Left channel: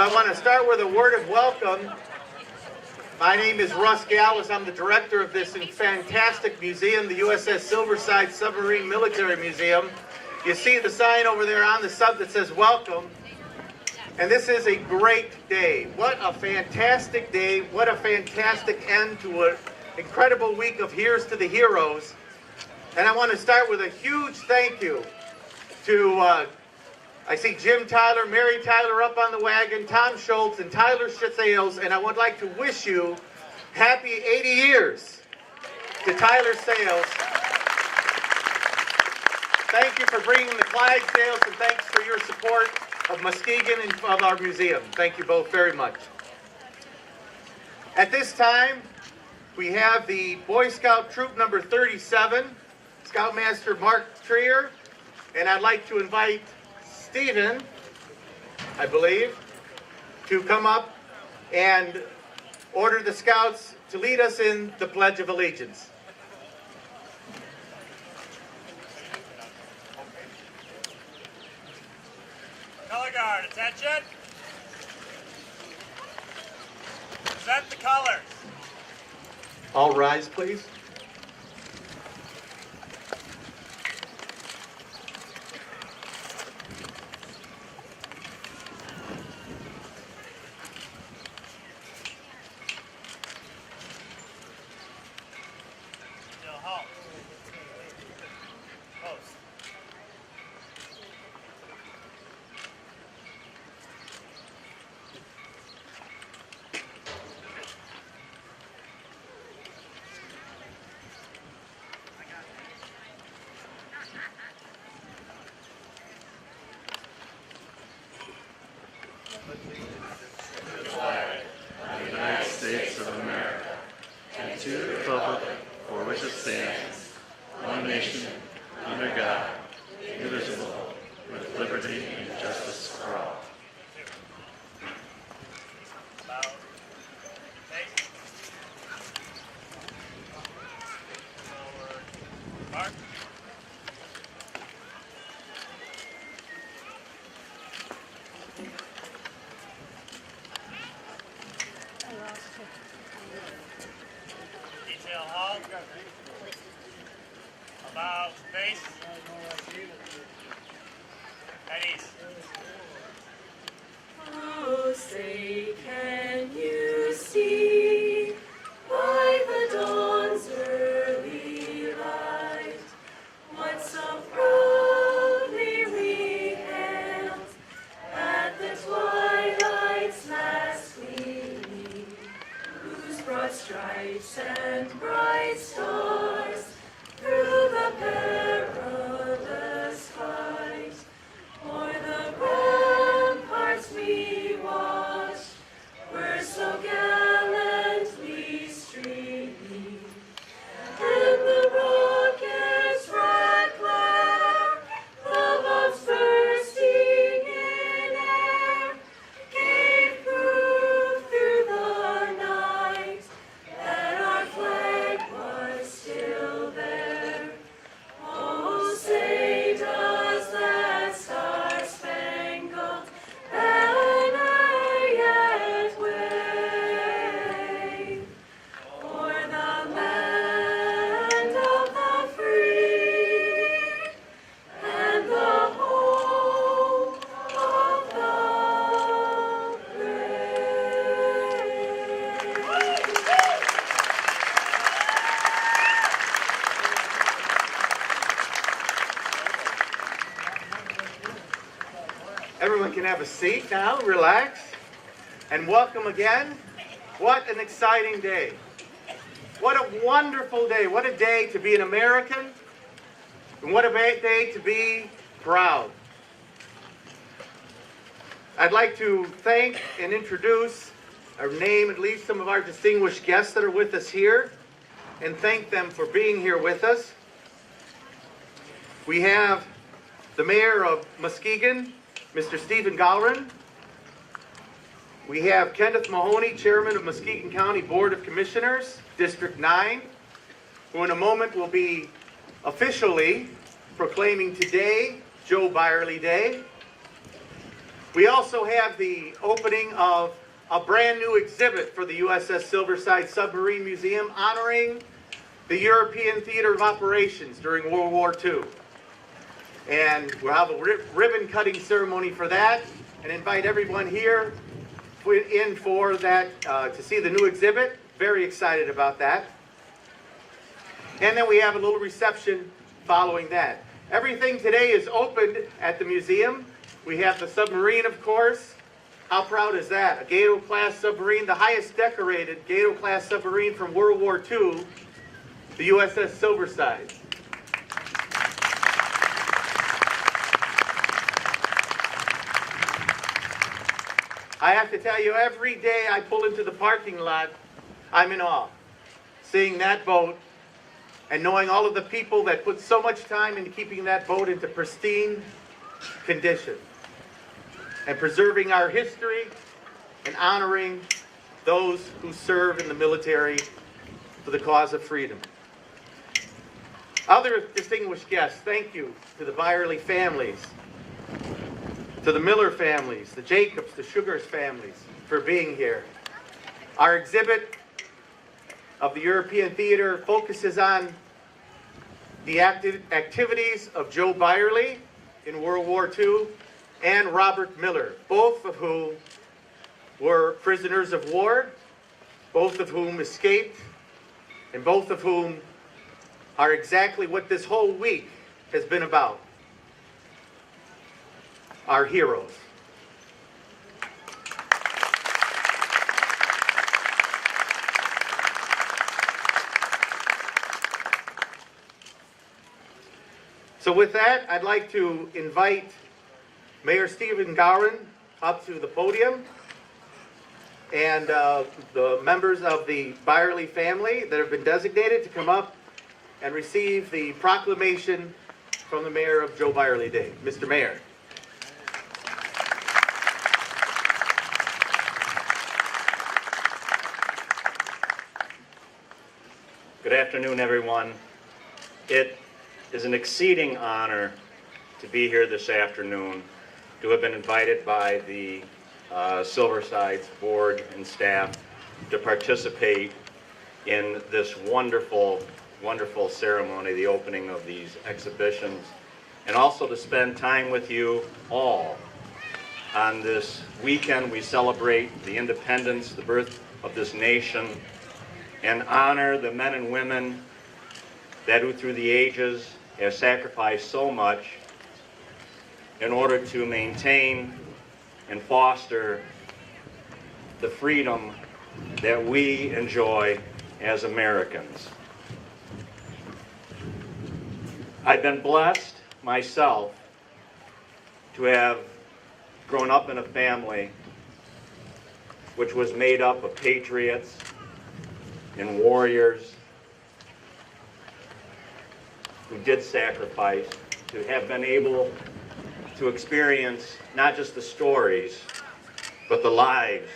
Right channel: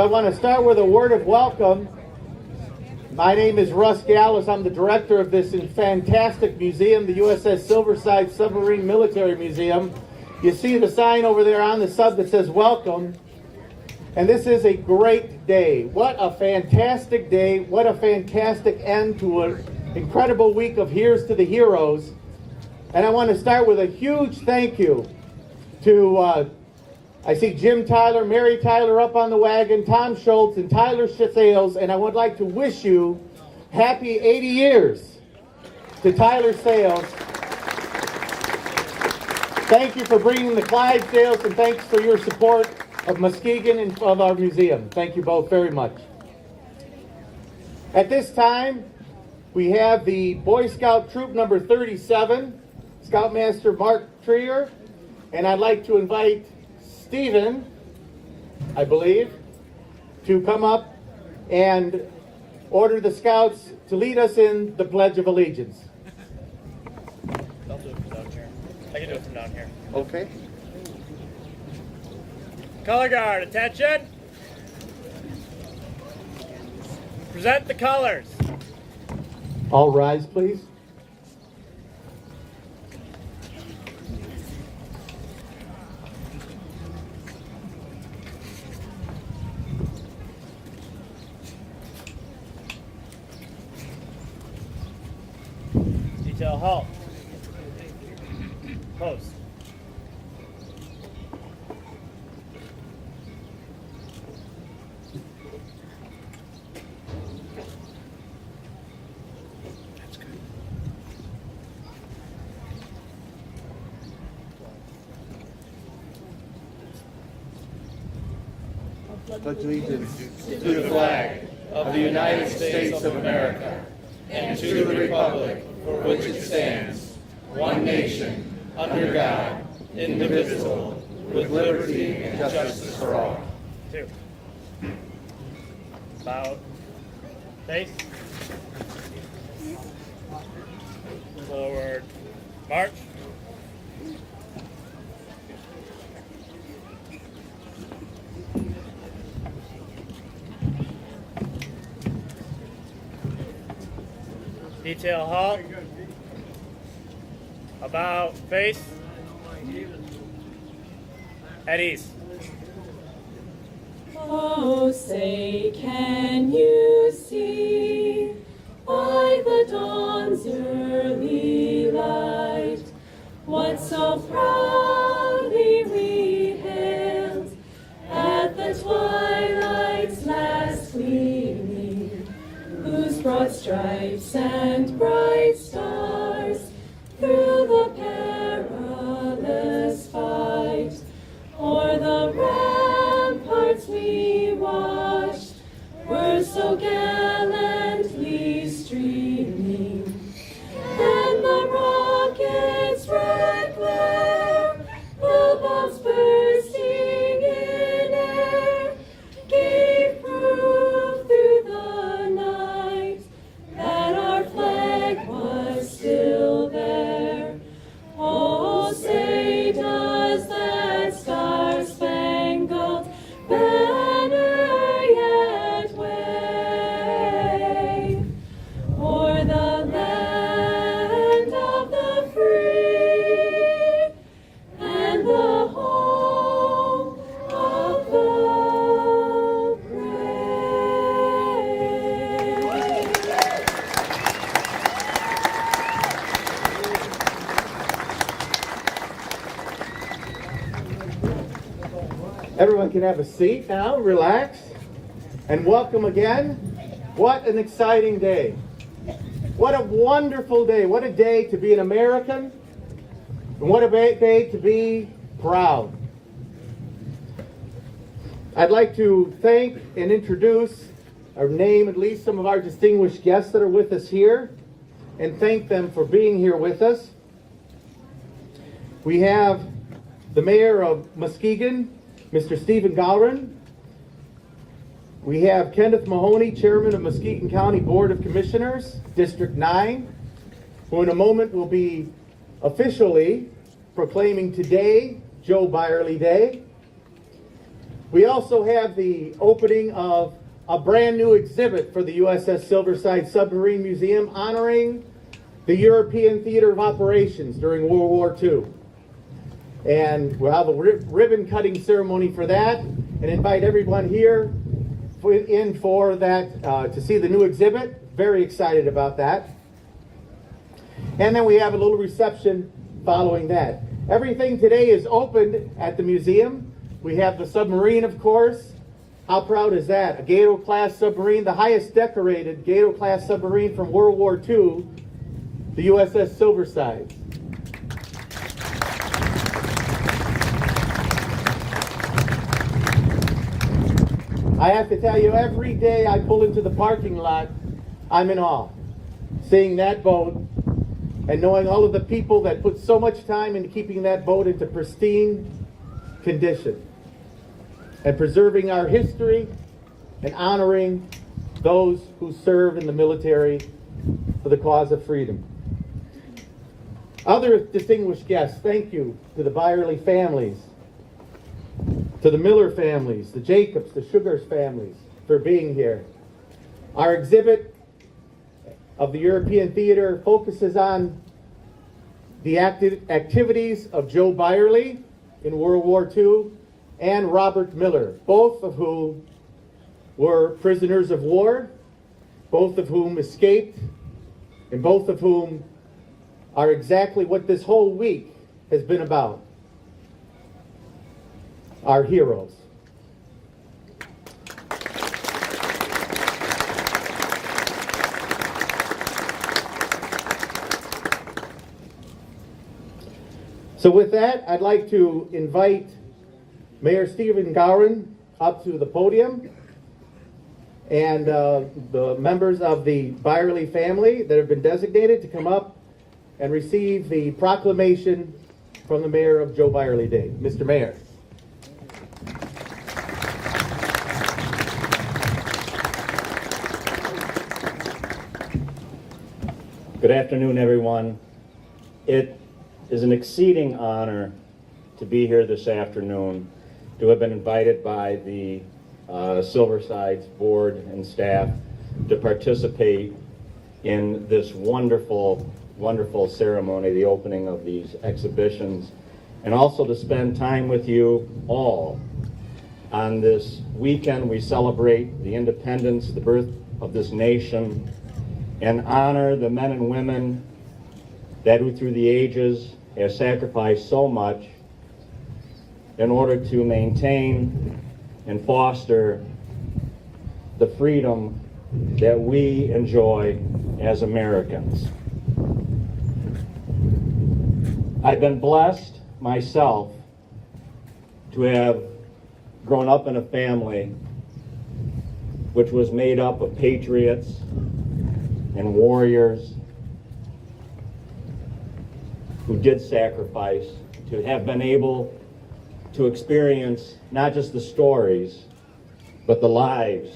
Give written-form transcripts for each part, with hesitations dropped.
I want to start with a word of welcome. My name is Russ Gallis. I'm the director of this fantastic museum, the USS Silversides Submarine Military Museum. You see the sign over there on the sub that says welcome. And this is a great day. What a fantastic day. What a fantastic end to an incredible week of Here's to the Heroes. And I want to start with a huge thank you to, I see Jim Tyler, Mary Tyler up on the wagon, Tom Schultz, and Tyler Sales. And I would like to wish you happy 80 years to Tyler Sales. Thank you for bringing the Clydesdales, and thanks for your support of Muskegon and of our museum. Thank you both very much. At this time, we have the Boy Scout Troop number 37, Scoutmaster Mark Trier, and I'd like to invite Stephen, I believe, to come up and order the Scouts to lead us in the Pledge of Allegiance. I can do it from down here. Okay. Color guard, attention. Present the colors. All rise, please. Detail halt. Post. Pledge allegiance to the flag of the United States of America and to the republic for which it stands, one nation, under God, indivisible, with liberty and justice for all. 2. Bow. Face. Forward. March. Detail halt. About face. At ease. Oh, say, can you see by the dawn's early light what so proudly we hailed at the twilight's last gleaming, whose broad stripes and bright stars through the perilous fight o'er the ramparts we watched were so gallantly streaming, and the rocket's red glare, the bombs bursting in air, gave proof through the night that our flag was still there. Oh, say does that star-spangled banner yet wave o'er the land of the free and the home of the brave? Everyone can have a seat now, relax, and welcome again. What an exciting day. What a wonderful day. What a day to be an American, and what a day to be proud. I'd like to thank and introduce, or name at least some of our distinguished guests that are with us here, and thank them for being here with us. We have the Mayor of Muskegon, Mr. Stephen Gowron. We have Kenneth Mahoney, Chairman of Muskegon County Board of Commissioners, District 9, who in a moment will be officially proclaiming today Joe Beyrle Day. We also have the opening of a brand new exhibit for the USS Silversides Submarine Museum honoring the European theater of operations during World War II. And we'll have a ribbon cutting ceremony for that and invite everyone here in for that to see the new exhibit. Very excited about that. And then we have a little reception following that. Everything today is opened at the museum. We have the submarine, of course. How proud is that? A Gato-class submarine, the highest decorated Gato-class submarine from World War II, the USS Silversides. I have to tell you, every day I pull into the parking lot, I'm in awe. Seeing that boat and knowing all of the people that put so much time into keeping that boat into pristine condition and preserving our history and honoring those who serve in the military for the cause of freedom. Other distinguished guests, thank you to the Beyrle families, to the Miller families, the Jacobs, the Sugars families for being here. Our exhibit of the European theater focuses on the activities of Joe Beyrle in World War II and Robert Miller, both of whom were prisoners of war, both of whom escaped, and both of whom are exactly what this whole week has been about. Our heroes. So with that, I'd like to invite Mayor Stephen Gowron up to the podium and the members of the Beyrle family that have been designated to come up and receive the proclamation from the mayor of Joe Beyrle Day. Mr. Mayor. Good afternoon, everyone. It is an exceeding honor to be here this afternoon, to have been invited by the Silversides board and staff to participate in this wonderful, wonderful ceremony, the opening of these exhibitions, and also to spend time with you all. On this weekend, we celebrate the independence, the birth of this nation, and honor the men and women that who through the ages have sacrificed so much in order to maintain and foster the freedom that we enjoy as Americans. I've been blessed myself to have grown up in a family which was made up of patriots and warriors who did sacrifice, to have been able to experience not just the stories, but the lives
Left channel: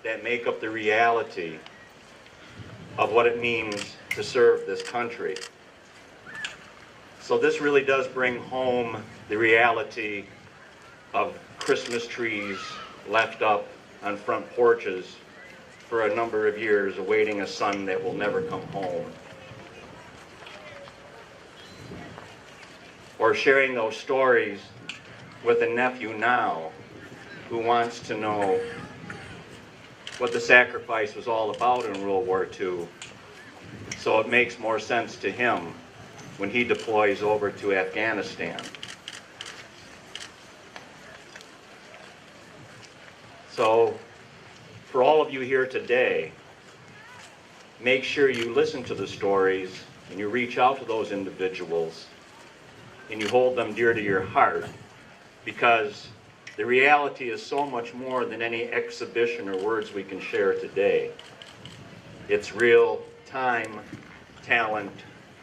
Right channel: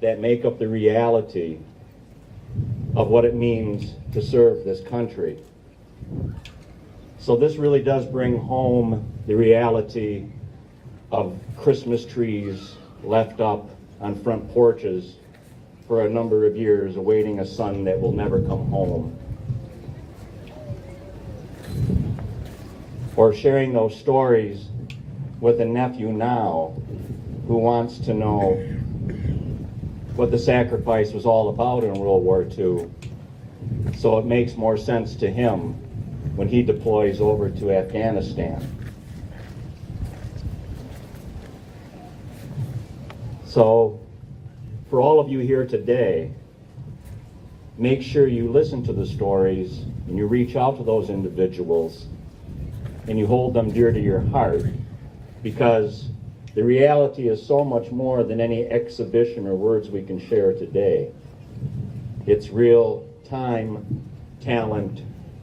that make up the reality of what it means to serve this country. So this really does bring home the reality of Christmas trees left up on front porches for a number of years, awaiting a son that will never come home. Or sharing those stories with a nephew now who wants to know what the sacrifice was all about in World War II. So it makes more sense to him when he deploys over to Afghanistan. So for all of you here today, make sure you listen to the stories and you reach out to those individuals and you hold them dear to your heart, because the reality is so much more than any exhibition or words we can share today. It's real time, talent,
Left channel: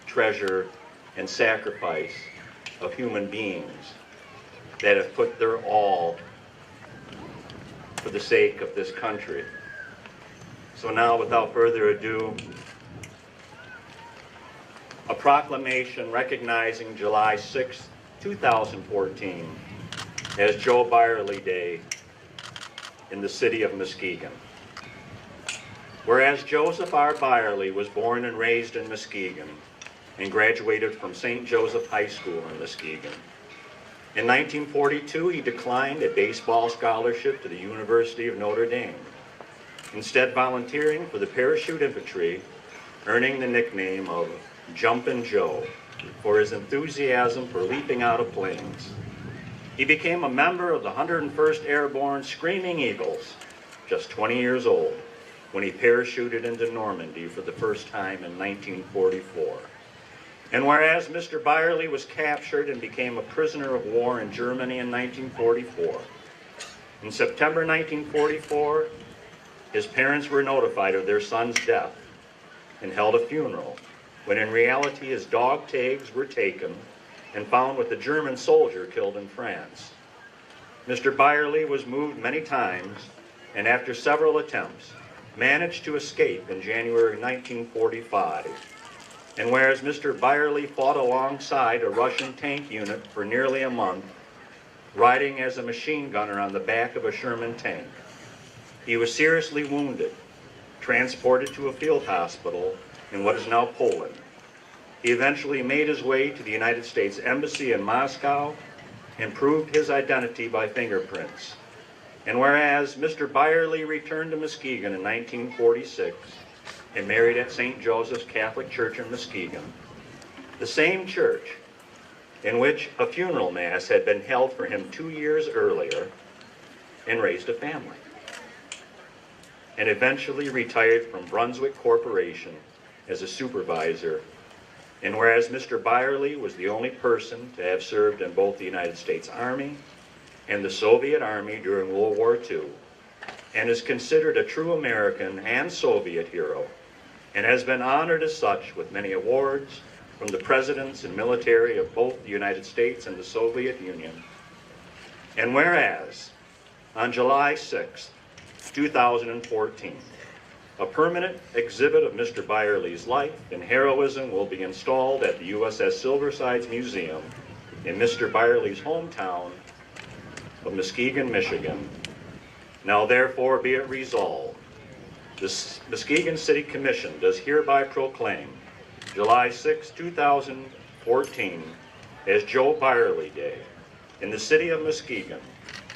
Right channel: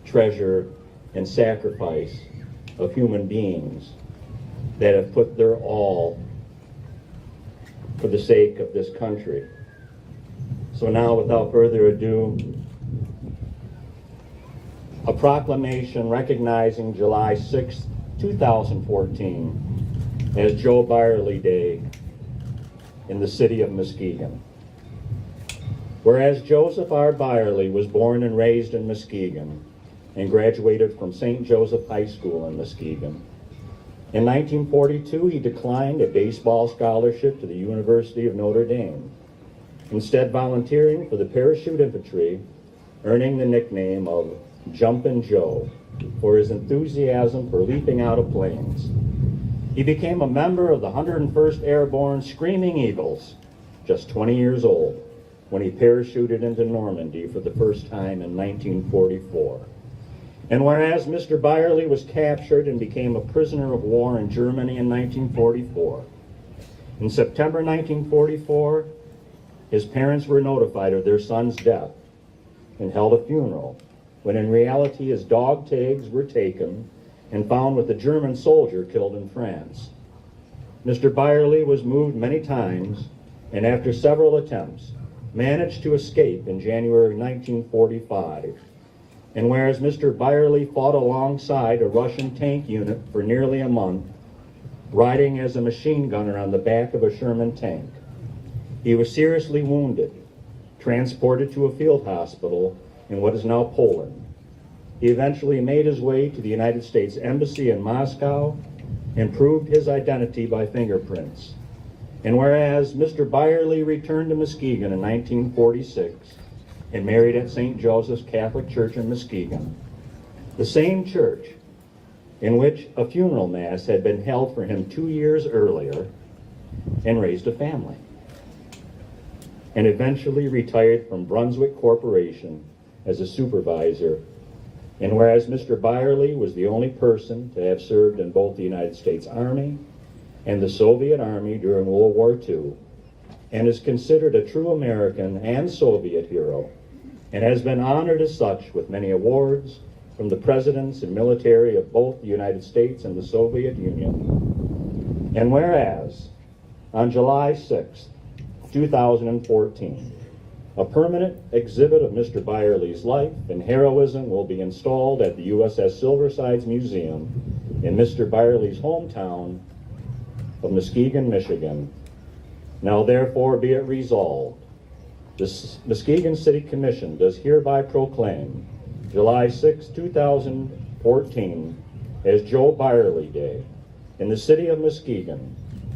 treasure, and sacrifice of human beings that have put their all for the sake of this country. So now, without further ado, a proclamation recognizing July 6, 2014 as Joe Beyrle Day in the city of Muskegon. Whereas Joseph R. Beyrle was born and raised in Muskegon and graduated from St. Joseph High School in Muskegon. In 1942, he declined a baseball scholarship to the University of Notre Dame, instead volunteering for the parachute infantry, earning the nickname of Jumpin' Joe for his enthusiasm for leaping out of planes. He became a member of the 101st Airborne Screaming Eagles, just 20 years old, when he parachuted into Normandy for the first time in 1944. And whereas Mr. Beyrle was captured and became a prisoner of war in Germany in 1944, in September 1944, his parents were notified of their son's death and held a funeral, when in reality his dog tags were taken and found with a German soldier killed in France. Mr. Beyrle was moved many times, and after several attempts, managed to escape in January 1945. And whereas Mr. Beyrle fought alongside a Russian tank unit for nearly a month, riding as a machine gunner on the back of a Sherman tank, he was seriously wounded, transported to a field hospital in what is now Poland. He eventually made his way to the United States Embassy in Moscow and proved his identity by fingerprints. And whereas Mr. Beyrle returned to Muskegon in 1946 and married at St. Joseph's Catholic Church in Muskegon, the same church in which a funeral mass had been held for him 2 years earlier, and raised a family, and eventually retired from Brunswick Corporation as a supervisor. And whereas Mr. Beyrle was the only person to have served in both the United States Army and the Soviet Army during World War II, and is considered a true American and Soviet hero, and has been honored as such with many awards from the presidents and military of both the United States and the Soviet Union. And whereas on July 6th, 2014, a permanent exhibit of Mr. Beyrle's life and heroism will be installed at the USS Silversides Museum in Mr. Beyrle's hometown of Muskegon, Michigan. Now therefore be it resolved, the Muskegon City Commission does hereby proclaim July 6, 2014 as Joe Beyrle Day in the city of Muskegon,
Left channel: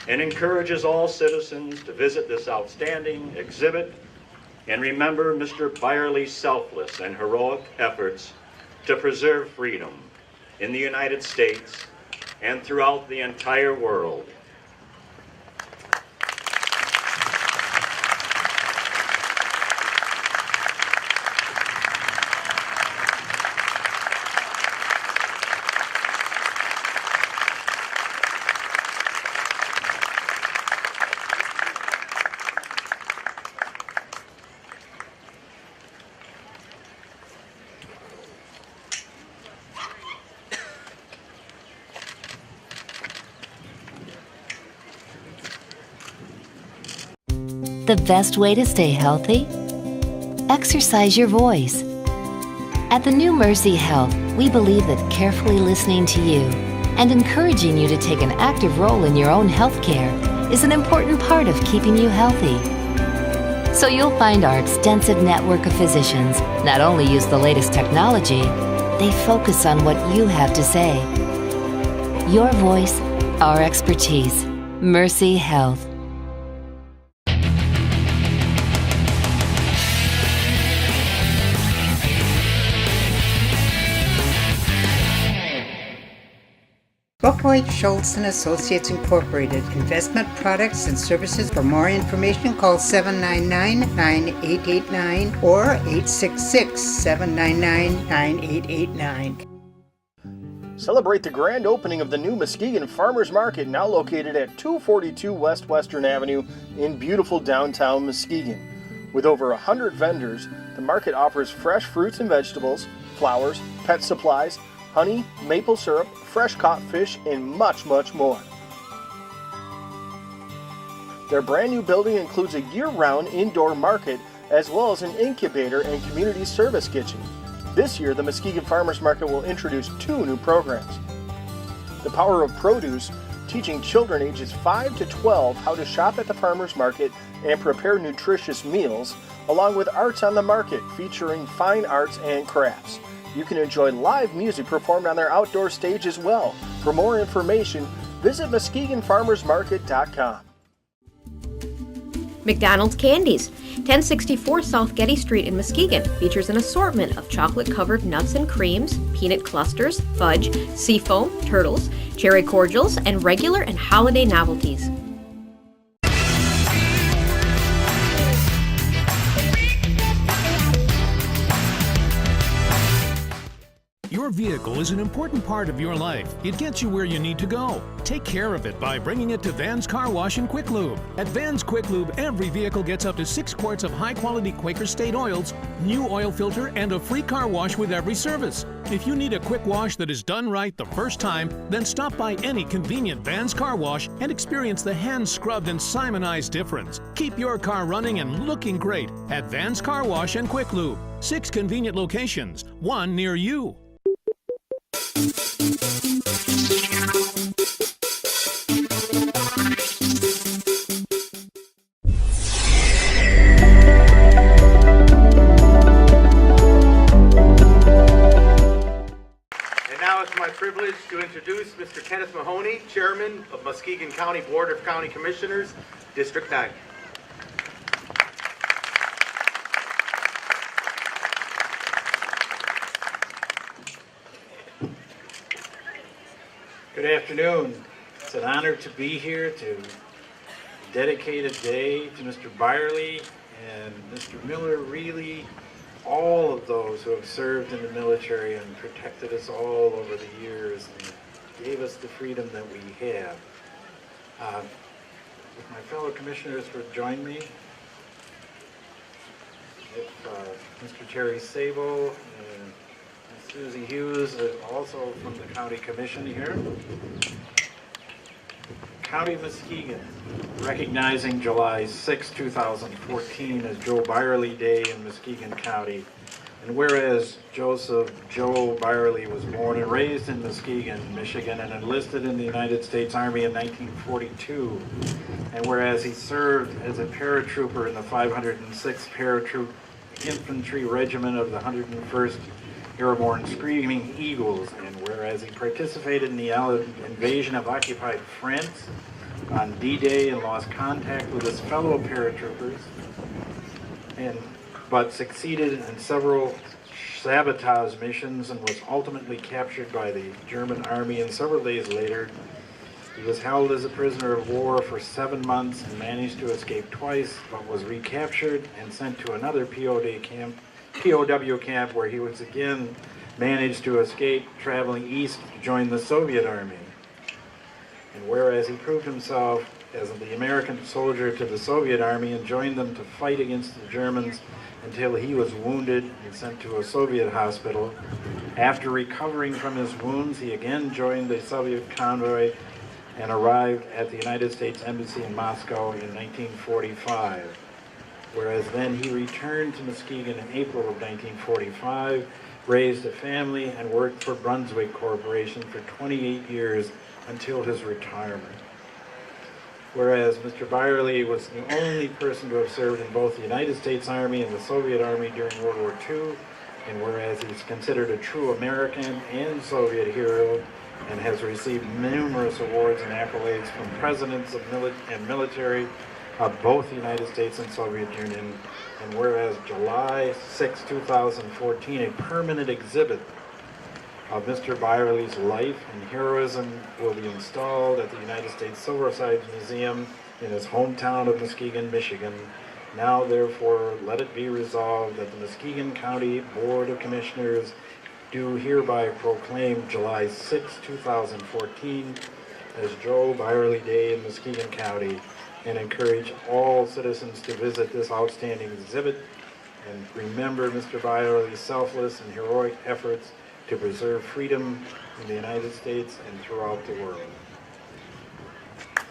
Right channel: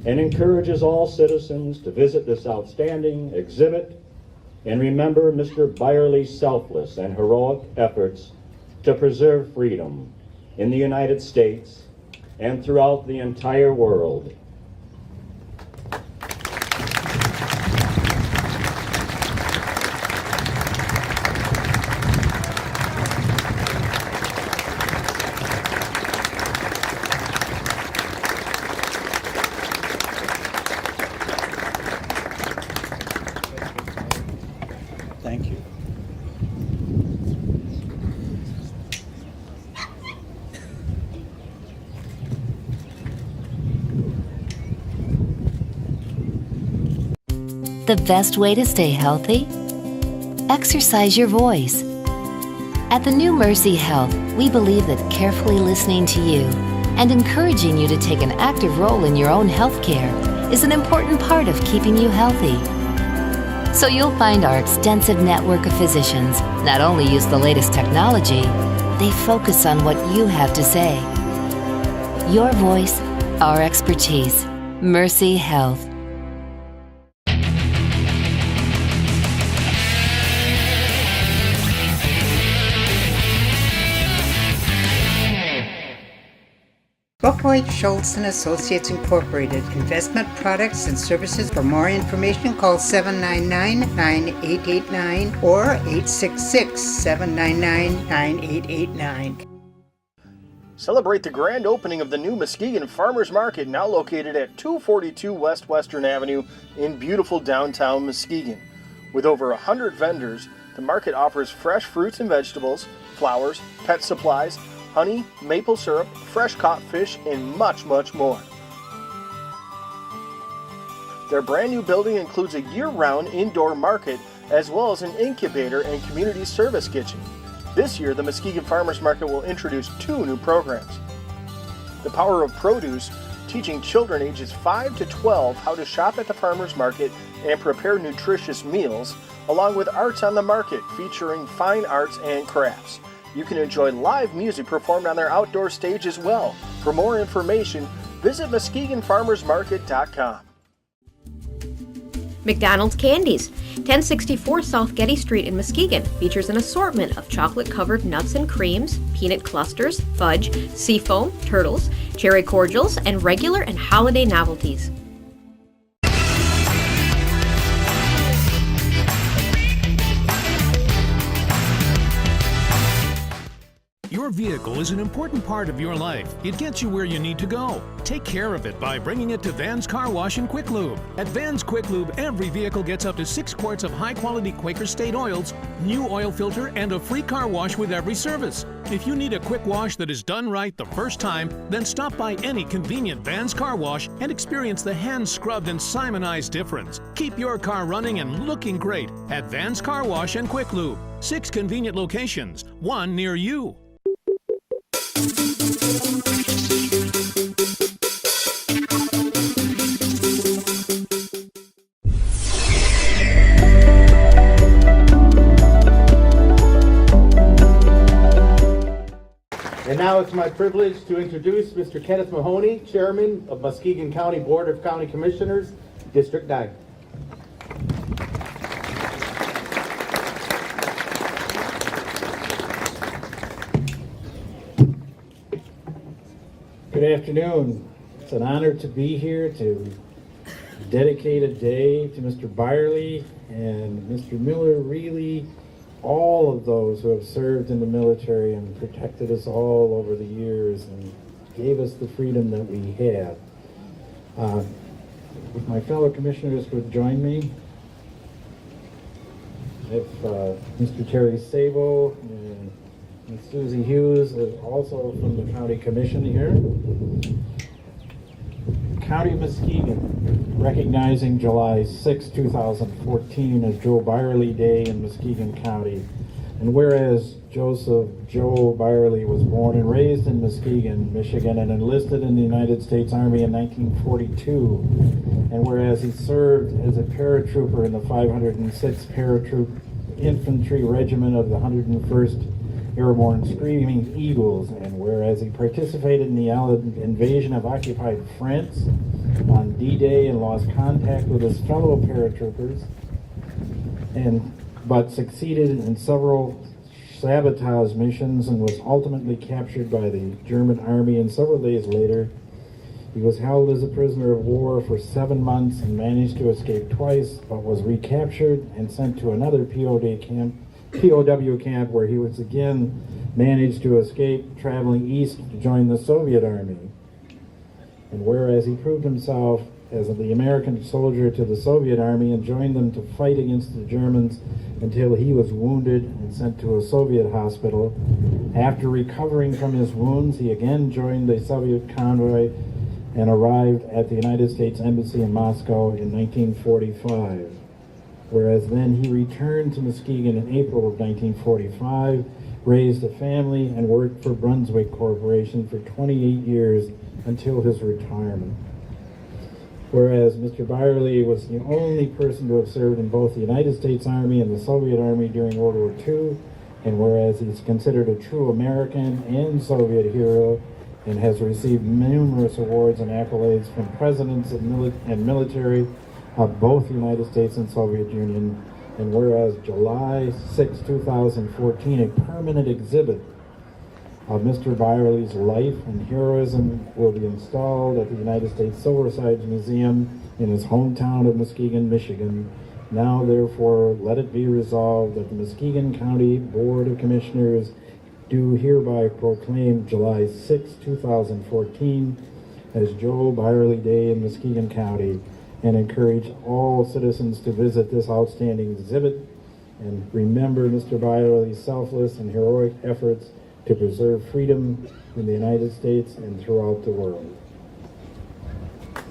and encourages all citizens to visit this outstanding exhibit and remember Mr. Beyrle's selfless and heroic efforts to preserve freedom in the United States and throughout the entire world. Thank you. The best way to stay healthy? Exercise your voice. At the new Mercy Health, we believe that carefully listening to you and encouraging you to take an active role in your own health care is an important part of keeping you healthy. So you'll find our extensive network of physicians not only use the latest technology, they focus on what you have to say. Your voice, our expertise. Mercy Health. Buckwheat Schultz & Associates Incorporated, investment products and services. For more information, call 799-9889 or 866-799-9889. Celebrate the grand opening of the new Muskegon Farmers Market, now located at 242 West Western Avenue in beautiful downtown Muskegon. With over 100 vendors, the market offers fresh fruits and vegetables, flowers, pet supplies, honey, maple syrup, fresh caught fish, and much, much more. Their brand new building includes a year-round indoor market as well as an incubator and community service kitchen. This year, the Muskegon Farmers Market will introduce 2 new programs. The Power of Produce teaching children ages 5 to 12 how to shop at the farmers market and prepare nutritious meals, along with Arts on the Market featuring fine arts and crafts. You can enjoy live music performed on their outdoor stage as well. For more information, visit MuskegonFarmersMarket.com. McDonald's Candies, 1064 South Getty Street in Muskegon, features an assortment of chocolate-covered nuts and creams, peanut clusters, fudge, seafoam, turtles, cherry cordials, and regular and holiday novelties. Your vehicle is an important part of your life. It gets you where you need to go. Take care of it by bringing it to Van's Car Wash and Quick Lube. At Van's Quick Lube, every vehicle gets up to 6 quarts of high-quality Quaker State oils, new oil filter, and a free car wash with every service. If you need a quick wash that is done right the first time, then stop by any convenient Van's Car Wash and experience the hand-scrubbed and Simonized difference. Keep your car running and looking great at Van's Car Wash and Quick Lube. 6 convenient locations, 1 near you. And now it's my privilege to introduce Mr. Kenneth Mahoney, Chairman of Muskegon County Board of County Commissioners, District 9. Good afternoon. It's an honor to be here to dedicate a day to Mr. Beyrle and Mr. Miller, really all of those who have served in the military and protected us all over the years and gave us the freedom that we have. If my fellow commissioners would join me, if Mr. Terry Sabo and Ms. Susie Hughes, also from the County Commission here. County Muskegon, recognizing July 6, 2014 as Joe Beyrle Day in Muskegon County. And whereas Joe Beyrle was born and raised in Muskegon, Michigan, and enlisted in the United States Army in 1942, and whereas he served as a paratrooper in the 506th Paratroop Infantry Regiment of the 101st Airborne Screaming Eagles, and whereas he participated in the Allied invasion of occupied France on D-Day and lost contact with his fellow paratroopers, but succeeded in several sabotage missions and was ultimately captured by the German army, and several days later he was held as a prisoner of war for 7 months and managed to escape twice, but was recaptured and sent to another POW camp where he was again managed to escape, traveling east to join the Soviet Army. And whereas he proved himself as the American soldier to the Soviet Army and joined them to fight against the Germans until he was wounded and sent to a Soviet hospital. After recovering from his wounds, he again joined the Soviet convoy and arrived at the United States Embassy in Moscow in 1945. Whereas then he returned to Muskegon in April of 1945, raised a family, and worked for Brunswick Corporation for 28 years until his retirement. Whereas Mr. Beyrle was the only person to have served in both the United States Army and the Soviet Army during World War II, and whereas he's considered a true American and hero, and has received numerous awards and accolades from presidents of military of both the United States and Soviet Union, and whereas July 6, 2014, a permanent exhibit of Mr. Beyrle's life and heroism will be installed at the United States Silversides Museum in his hometown of Muskegon, Michigan. Now, therefore, let it be resolved that the Muskegon County Board of Commissioners do hereby proclaim July 6, 2014 as Joe Beyrle Day in Muskegon County, and encourage all citizens to visit this outstanding exhibit and remember Mr. Beyrle's selfless and heroic efforts to preserve freedom in the United States and throughout the world.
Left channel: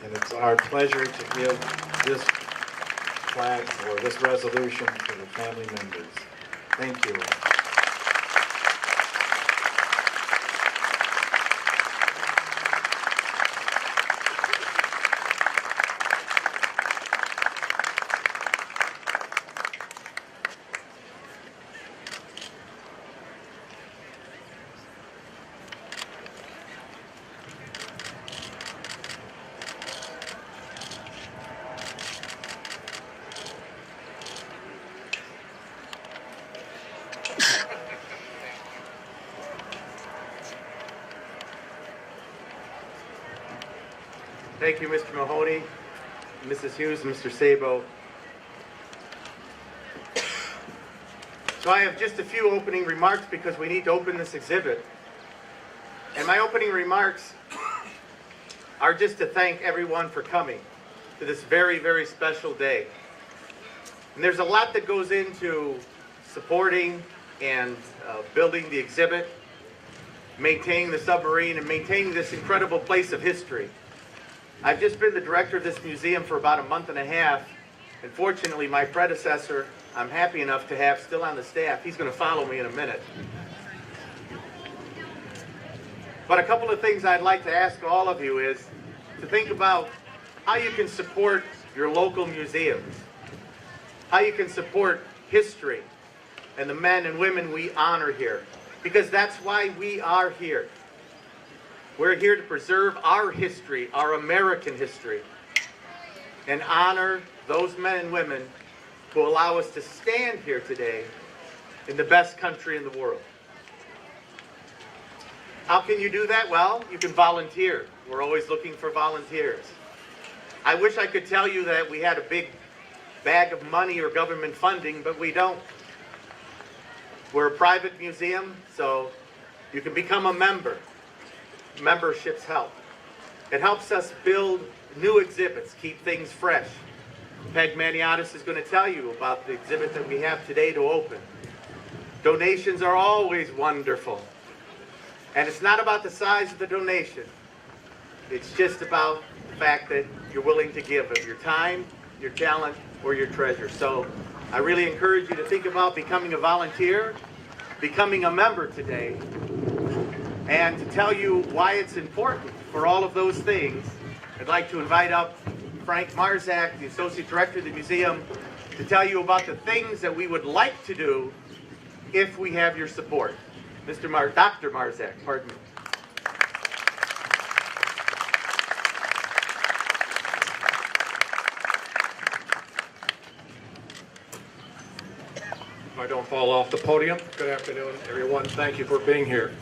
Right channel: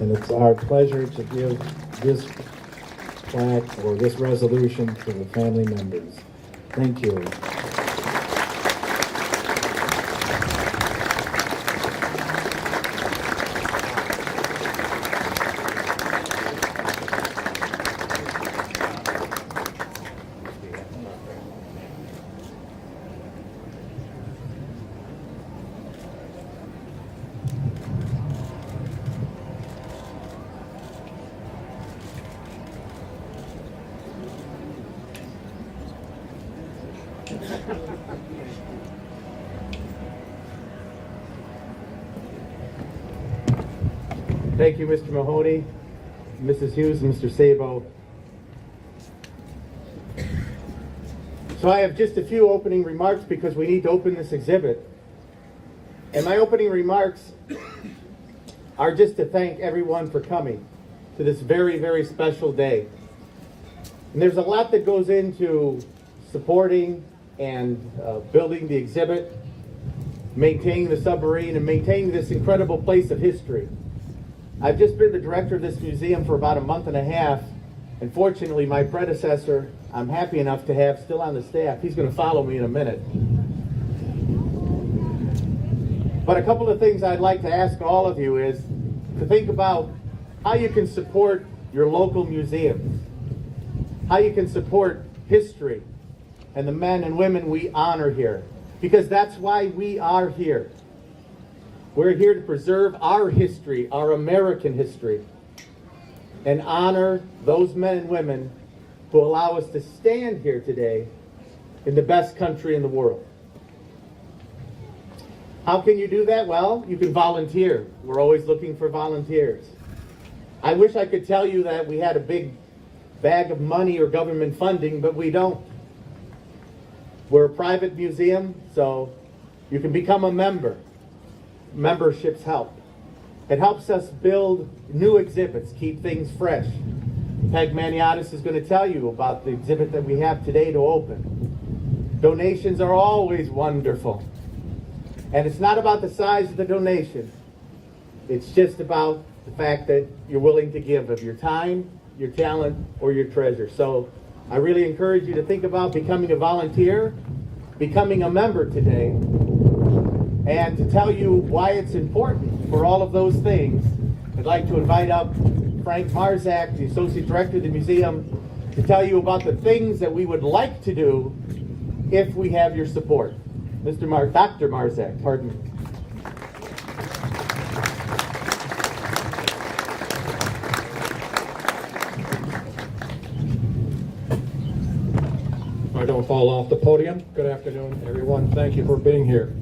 And it's our pleasure to give this plaque or this resolution to the family members. Thank you. Thank you, Mr. Mahoney, Mrs. Hughes, and Mr. Sabo. So I have just a few opening remarks because we need to open this exhibit. And my opening remarks are just to thank everyone for coming to this very, very special day. And there's a lot that goes into supporting and building the exhibit, maintaining the submarine, and maintaining this incredible place of history. I've just been the director of this museum for about a month and a half, and fortunately my predecessor, I'm happy enough to have still on the staff. He's going to follow me in a minute. But a couple of things I'd like to ask all of you is to think about how you can support your local museums, how you can support history and the men and women we honor here, because that's why we are here. We're here to preserve our history, our American history, and honor those men and women who allow us to stand here today in the best country in the world. How can you do that? Well, you can volunteer. We're always looking for volunteers. I wish I could tell you that we had a big bag of money or government funding, but we don't. We're a private museum, so you can become a member. Memberships help. It helps us build new exhibits, keep things fresh. Peg Maniotis is going to tell you about the exhibit that we have today to open. Donations are always wonderful. And it's not about the size of the donation. It's just about the fact that you're willing to give of your time, your talent, or your treasure. So I really encourage you to think about becoming a volunteer, becoming a member today, and to tell you why it's important for all of those things, I'd like to invite up Frank Marzak, the Associate Director of the museum, to tell you about the things that we would like to do if we have your support. Dr. Marzak, pardon me. I don't fall off the podium. Good afternoon, everyone. Thank you for being here.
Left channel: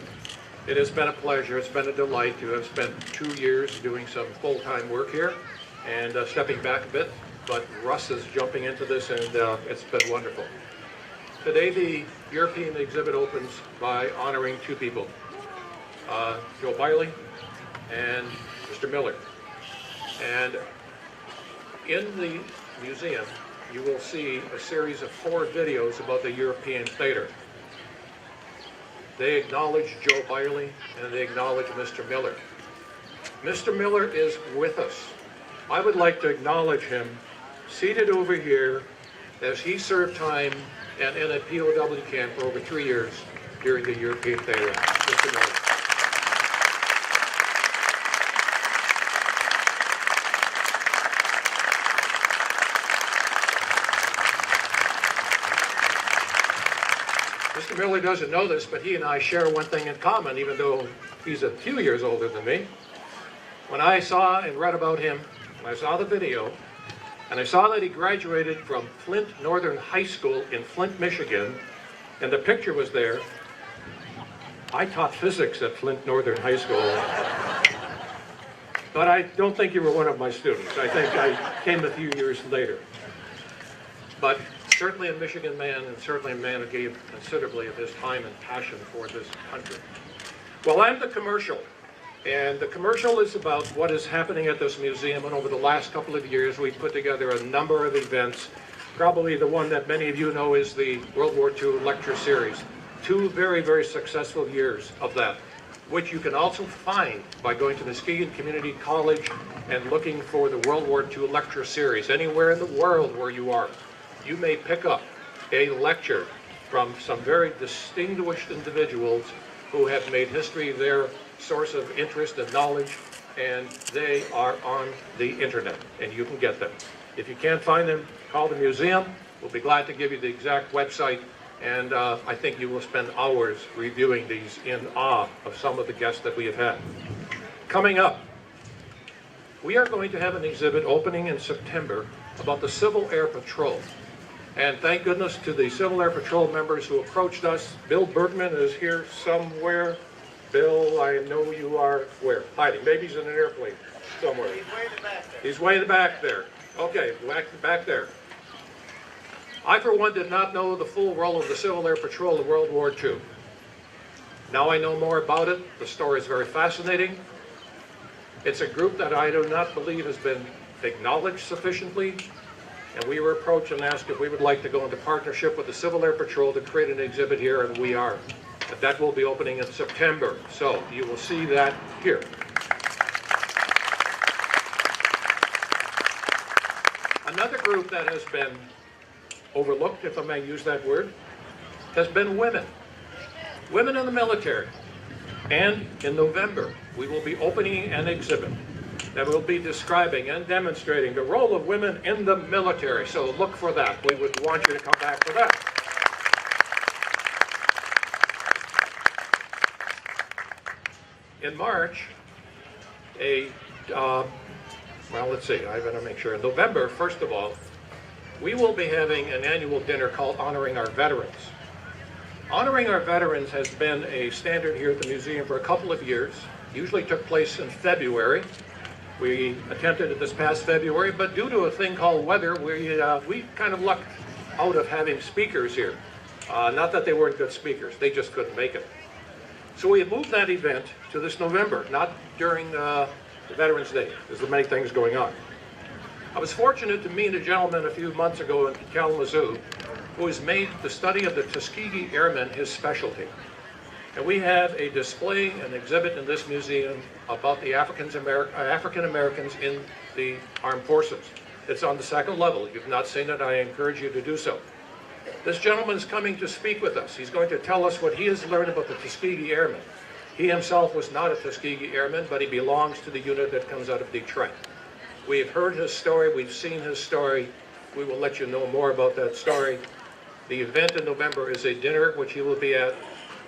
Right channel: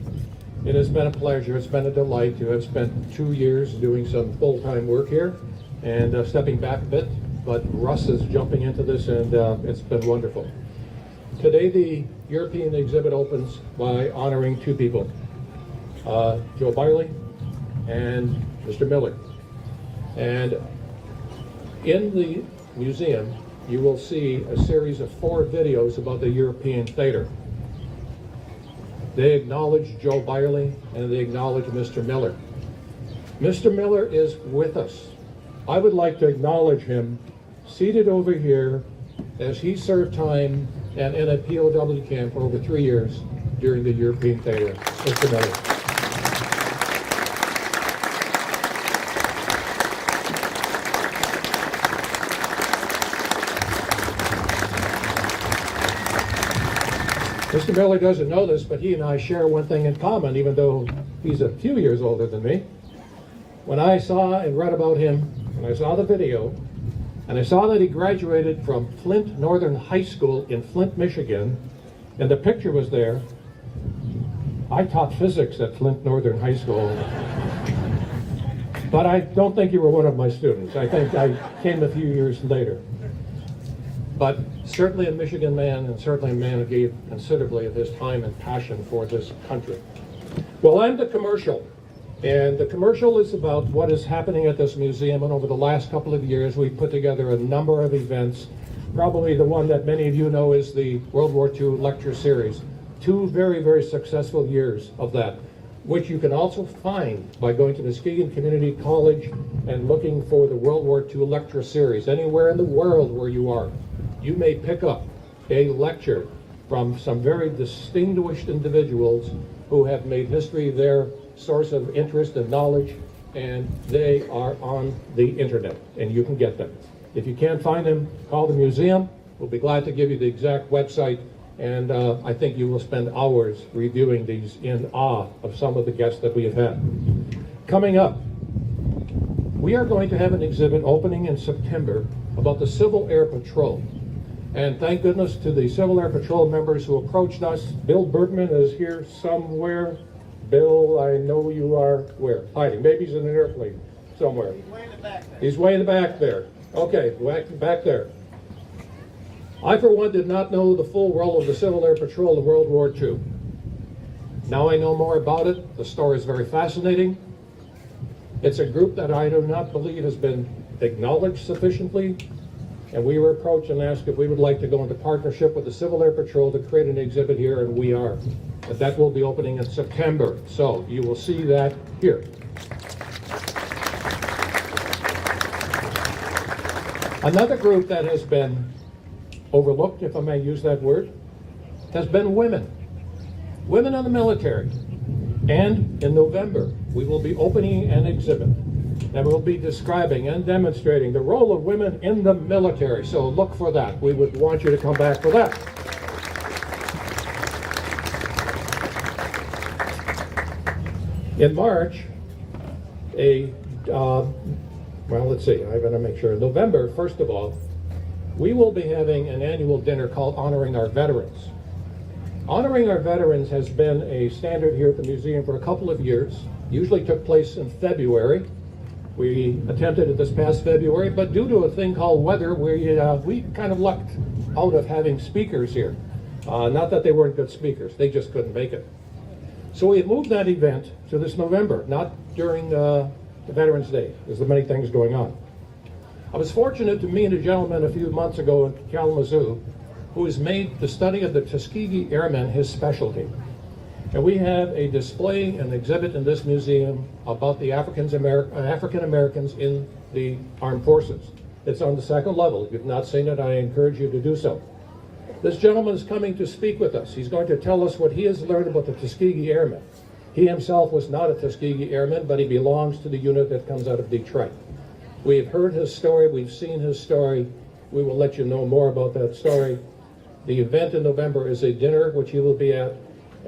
It has been a pleasure. It's been a delight to have spent 2 years doing some full-time work here and stepping back a bit, but Russ is jumping into this, and it's been wonderful. Today, the European exhibit opens by honoring two people, Joe Beyrle and Mr. Miller. And in the museum, you will see a series of 4 videos about the European theater. They acknowledge Joe Beyrle and they acknowledge Mr. Miller. Mr. Miller is with us. I would like to acknowledge him seated over here as he served time and in a POW camp for over 3 years during the European theater. Mr. Miller. Mr. Beyrle doesn't know this, but he and I share one thing in common, even though he's a few years older than me. When I saw and read about him, when I saw the video, and I saw that he graduated from Flint Northern High School in Flint, Michigan, and the picture was there. I taught physics at Flint Northern High School, but I don't think you were one of my students. I think I came a few years later. But certainly a Michigan man, and certainly a man who gave considerably of his time and passion for this country. Well, I'm the commercial, and the commercial is about what is happening at this museum. And over the last couple of years, we've put together a number of events. Probably the one that many of you know is the World War II lecture series. 2 very, very successful years of that, which you can also find by going to Muskegon Community College and looking for the World War II lecture series. Anywhere in the world where you are, you may pick up a lecture from some very distinguished individuals who have made history their source of interest and knowledge, and they are on the internet, and you can get them. If you can't find them, call the museum. We'll be glad to give you the exact website, and I think you will spend hours reviewing these in awe of some of the guests that we have had. Coming up, we are going to have an exhibit opening in September about the Civil Air Patrol. And thank goodness to the Civil Air Patrol members who approached us. Bill Bergman is here somewhere. Bill, I know you are where? Hiding. Maybe he's in an airplane. somewhere? He's way in the back there. He's way in the back there. Okay, back there. I, for one, did not know the full role of the Civil Air Patrol in World War II. Now I know more about it. The story is very fascinating. It's a group that I do not believe has been acknowledged sufficiently, and we were approached and asked if we would like to go into partnership with the Civil Air Patrol to create an exhibit here, and we are. But that will be opening in September, so you will see that here. Another group that has been overlooked, if I may use that word, has been women. Women in the military. And in November, we will be opening an exhibit that will be describing and demonstrating the role of women in the military. So look for that. We would want you to come back for that. In March, well, let's see, I better make sure. In November, first of all, we will be having an annual dinner called Honoring Our Veterans. Honoring Our Veterans has been a standard here at the museum for a couple of years. Usually took place in February. We attempted it this past February, but due to a thing called weather, we kind of lucked out of having speakers here. Not that they weren't good speakers, they just couldn't make it. So we moved that event to this November, not during the Veterans Day. There's many things going on. I was fortunate to meet a gentleman a few months ago in Kalamazoo who has made the study of the Tuskegee Airmen his specialty. And we have a display and exhibit in this museum about the African Americans in the armed forces. It's on the second level. If you've not seen it, I encourage you to do so. This gentleman is coming to speak with us. He's going to tell us what he has learned about the Tuskegee Airmen. He himself was not a Tuskegee Airman, but he belongs to the unit that comes out of Detroit. We've heard his story, we've seen his story. We will let you know more about that story. The event in November is a dinner, which he will be at,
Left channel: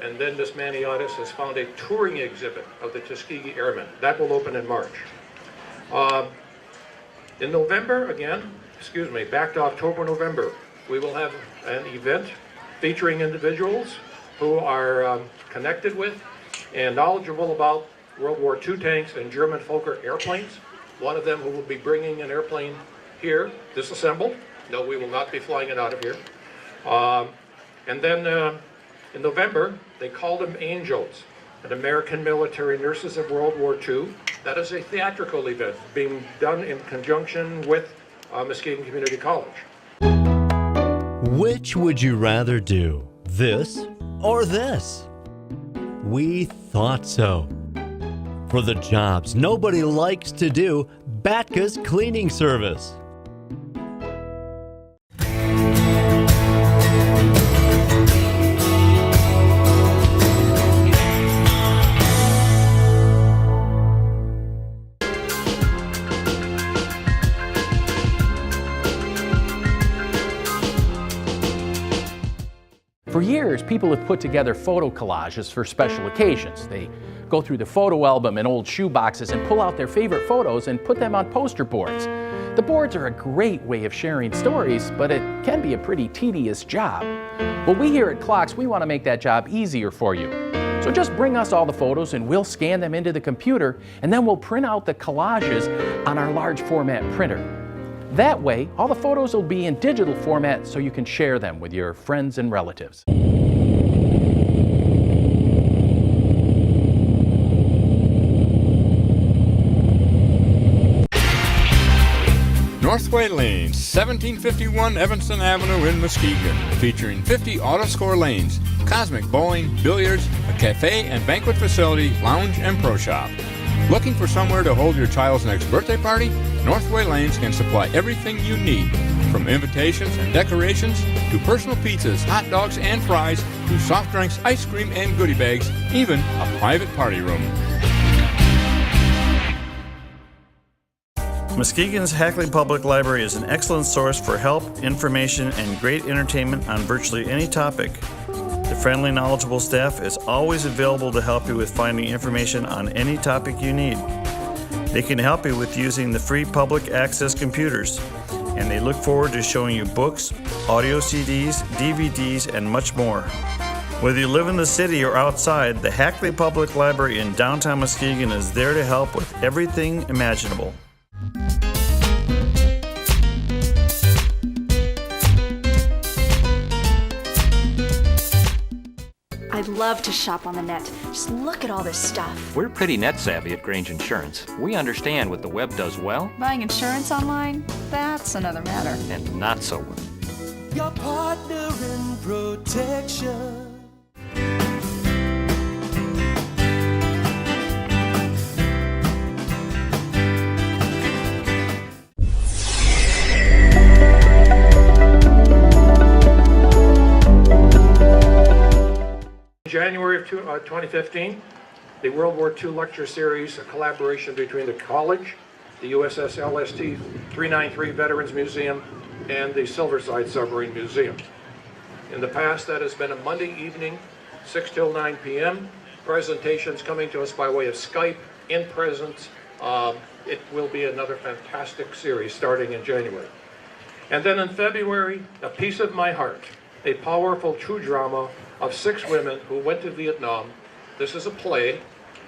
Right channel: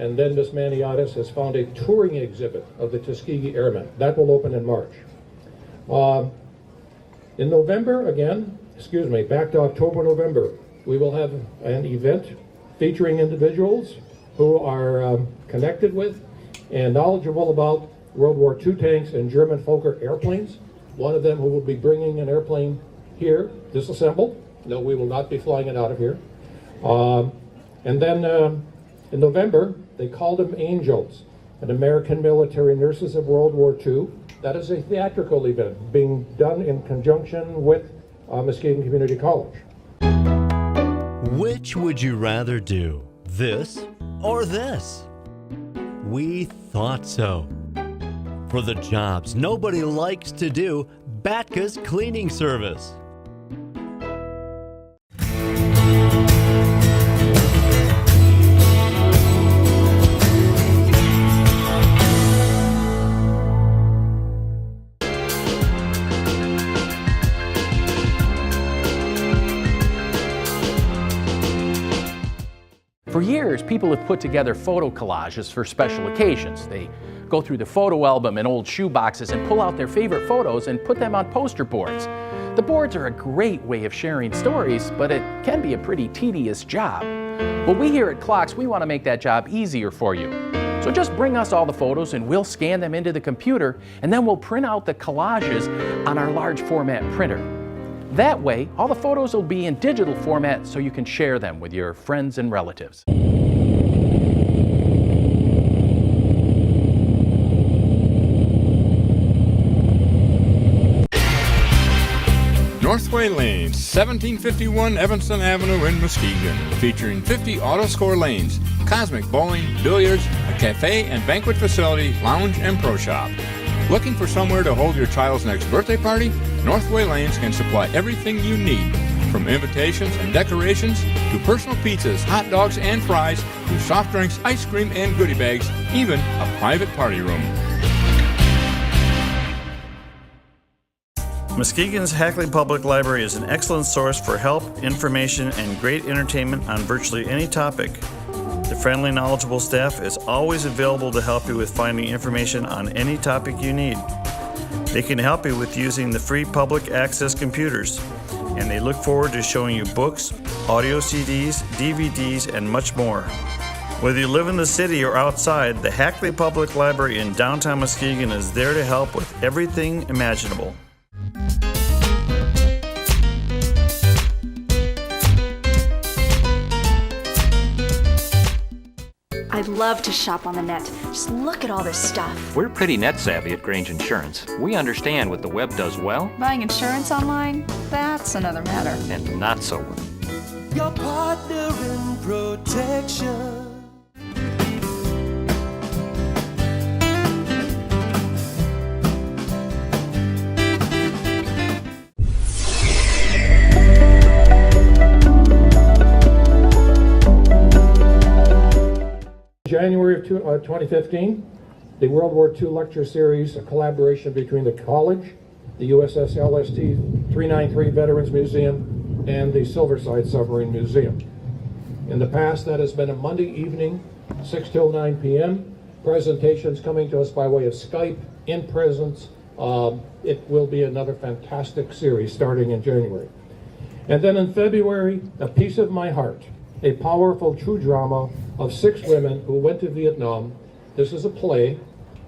and then Ms. Maniotis has found a touring exhibit of the Tuskegee Airmen. That will open in March. In November, back to October, November, we will have an event featuring individuals who are connected with and knowledgeable about World War II tanks and German Fokker airplanes. One of them who will be bringing an airplane here, disassembled. No, we will not be flying it out of here. And then in November, they called them Angels, an American military nurses of World War II. That is a theatrical event being done in conjunction with Muskegon Community College. Which would you rather do, this or this? We thought so. For the jobs nobody likes to do, Batka's cleaning service. For years, people have put together photo collages for special occasions. They go through the photo album and old shoe boxes and pull out their favorite photos and put them on poster boards. The boards are a great way of sharing stories, but it can be a pretty tedious job. Well, we here at Clocks, we want to make that job easier for you. So just bring us all the photos and we'll scan them into the computer, and then we'll print out the collages on our large format printer. That way, all the photos will be in digital format so you can share them with your friends and relatives. Northway Lanes, 1751 Evanston Avenue in Muskegon, featuring 50 auto-score lanes, cosmic bowling, billiards, a cafe and banquet facility, lounge and pro shop. Looking for somewhere to hold your child's next birthday party? Northway Lanes can supply everything you need, from invitations and decorations to personal pizzas, hot dogs and fries, to soft drinks, ice cream and goodie bags, even a private party room. Muskegon's Hackley Public Library is an excellent source for help, information, and great entertainment on virtually any topic. The friendly, knowledgeable staff is always available to help you with finding information on any topic you need. They can help you with using the free public access computers, and they look forward to showing you books, audio CDs, DVDs, and much more. Whether you live in the city or outside, the Hackley Public Library in downtown Muskegon is there to help with everything imaginable. I love to shop on the net. Just look at all this stuff. We're pretty net savvy at Grange Insurance. We understand what the web does well. Buying insurance online? That's another matter. And not so well. Your partner in protection. January of 2015, the World War II Lecture Series, a collaboration between the college, the USS LST 393 Veterans Museum, and the Silversides Submarine Museum. In the past, that has been a Monday evening, 6 till 9 p.m. Presentations coming to us by way of Skype, in presence. It will be another fantastic series starting in January. And then in February, A Piece of My Heart, a powerful true drama of 6 women who went to Vietnam. This is a play,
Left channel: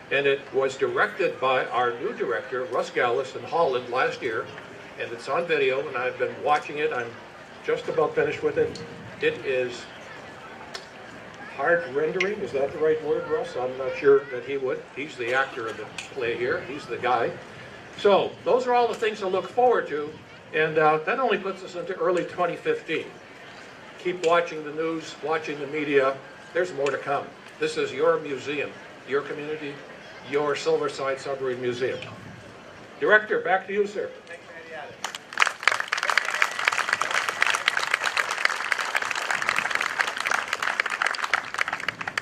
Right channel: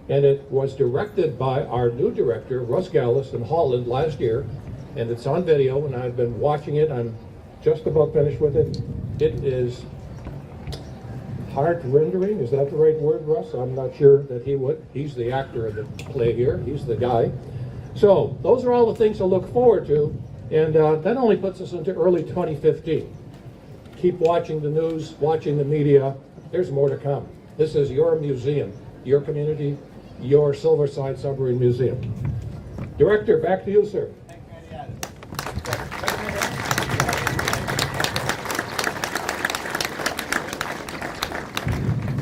and it was directed by our new director, Russ Gallus, in Holland last year, and it's on video, and I've been watching it. I'm just about finished with it. It is heart-rendering. Is that the right word, Russ? I'm not sure that he would. He's the actor of the play here. He's the guy. So those are all the things to look forward to, and that only puts us into early 2015. Keep watching the news, watching the media. There's more to come. This is your museum, your community, your Silverside Submarine Museum. Director, back to you, sir.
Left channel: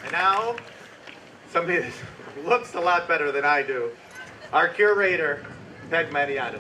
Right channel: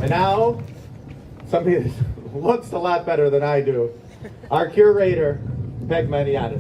And now, somebody that looks a lot better than I do, our curator, Meg Maniatis.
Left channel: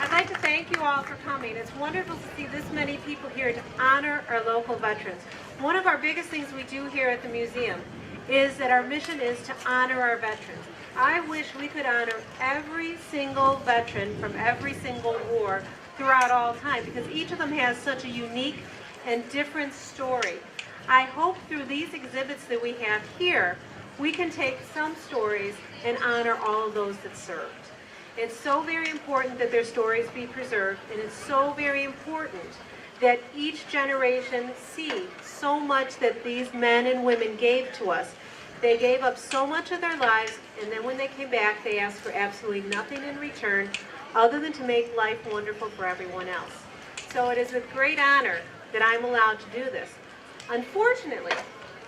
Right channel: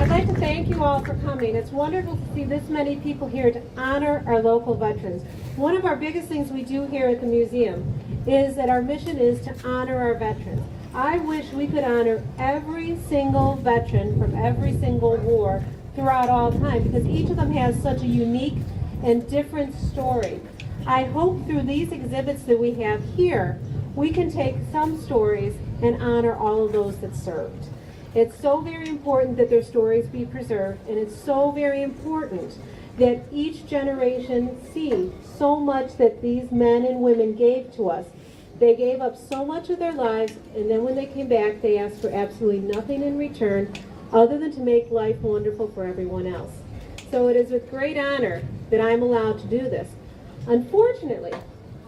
I'd like to thank you all for coming. It's wonderful to see this many people here to honor our local veterans. One of our biggest things we do here at the museum is that our mission is to honor our veterans. I wish we could honor every single veteran from every single war throughout all time, because each of them has such a unique and different story. I hope through these exhibits that we have here, we can take some stories and honor all of those that served. It's so very important that their stories be preserved, and it's so very important that each generation see so much that these men and women gave to us. They gave up so much of their lives, and then when they came back, they asked for absolutely nothing in return other than to make life wonderful for everyone else. So it is a great honor that I'm allowed to do this. Unfortunately,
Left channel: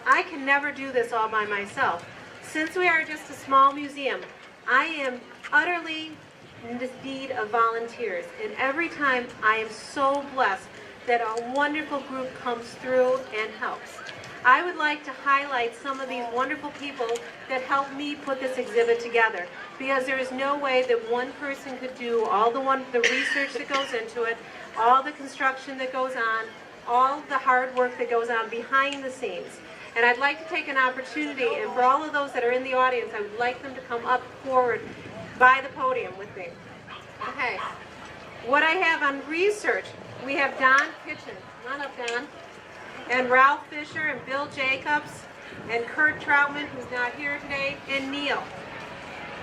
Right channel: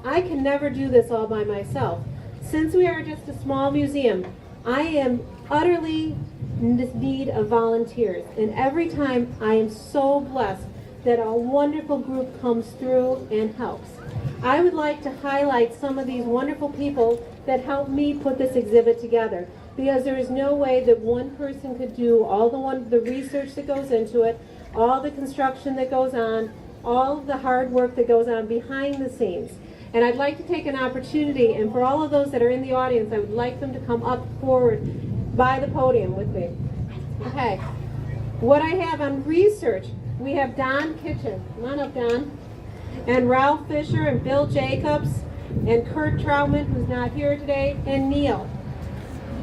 I can never do this all by myself. Since we are just a small museum, I am utterly in need of volunteers, and every time I am so blessed that a wonderful group comes through and helps. I would like to highlight some of these wonderful people that helped me put this exhibit together, because there is no way that one person could do all the research that goes into it, all the construction that goes on, all the hard work that goes on behind the scenes. And I'd like to take an opportunity, and for all of those that are in the audience, I would like them to come up forward by the podium with me. Okay. What I have on research, we have Don Kitchen. Come on up, Don. And Ralph Fisher and Bill Jacobs and Kurt Troutman, who's not here today, and Neil.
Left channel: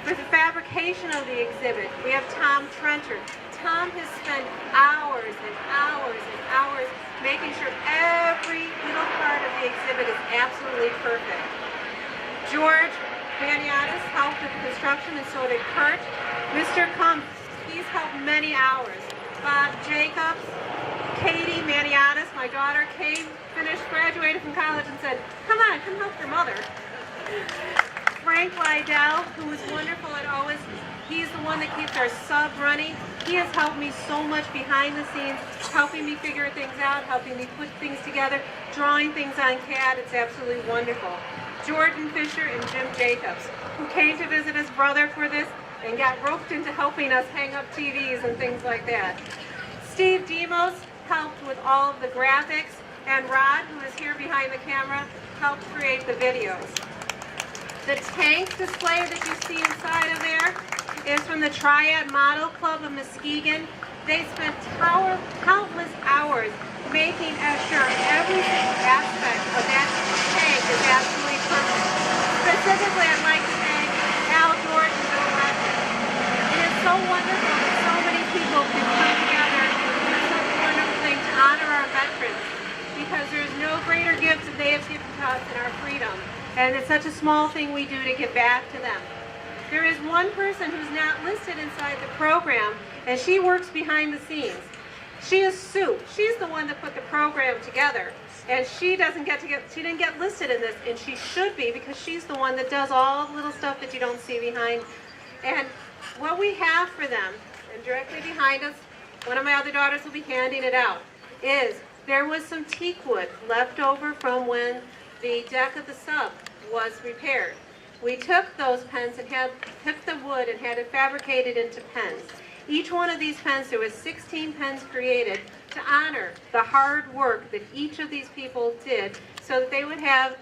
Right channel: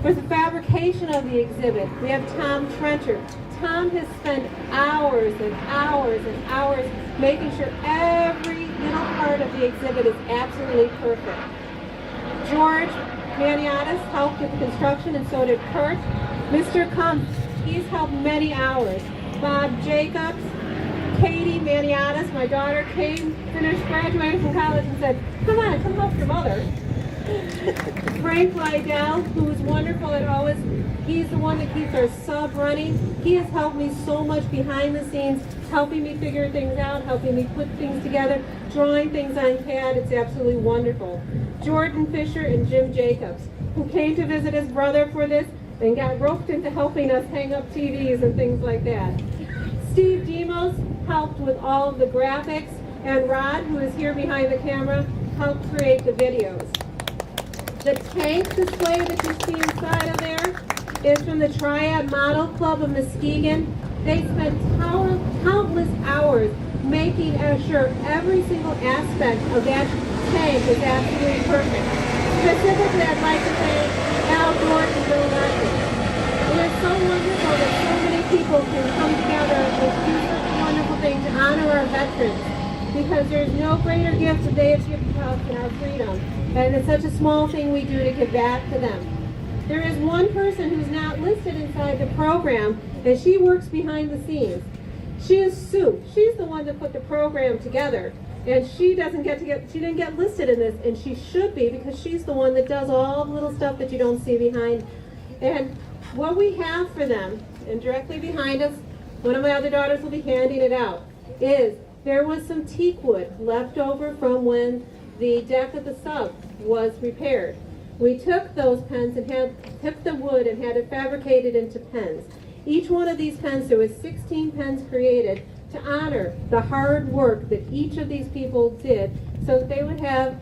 For the fabrication of the exhibit, we have Tom Trenchard. Tom has spent hours and hours and hours making sure every little part of the exhibit is absolutely perfect. George Maniatis helped with the construction, and so did Kurt. Mr. Kumpf, he's helped many hours. Bob Jacobs, Katie Maniatis, my daughter, graduated from college and said, come on, come help your mother. Frank Lydell, who was wonderful and always, he's the one that keeps our sub running. He has helped me so much behind the scenes, helping me figure things out, helping me put things together, drawing things on CAD. It's absolutely wonderful. Jordan Fisher and Jim Jacobs, who came to visit his brother for this and got roped into helping us hang up TVs and things like that. Steve Demos helped with all of the graphics, and Rod, who is here behind the camera, helped create the videos. The tank display that you see inside of there is from the Triad Model Club of Muskegon. They spend countless hours making sure every single aspect of that tank is absolutely perfect. Specifically, I'd like to thank Al Gordon and Bill Ledger. It is so wonderful that so many people can come together and do such a wonderful thing to honor our veterans, because there's no greater gift that they have given to us than our freedom. And it's such a small thing we do to give back to them. There is one person who's not listed inside the program, and she works behind the scenes. She is Sue. She's the one that put the program together, and she didn't get listed in this, and she should be, because she's the one that does all the little stuff that you don't see behind. And what we have for them, and directly behind us, one of my other daughters will be handing it out, is there was some teak wood left over from when the deck of the sub was repaired. We took those pens and took the wood and had it fabricated into pens. Each one of these pens, there was 16 pens created to honor the hard work that each of these people did, so that they would have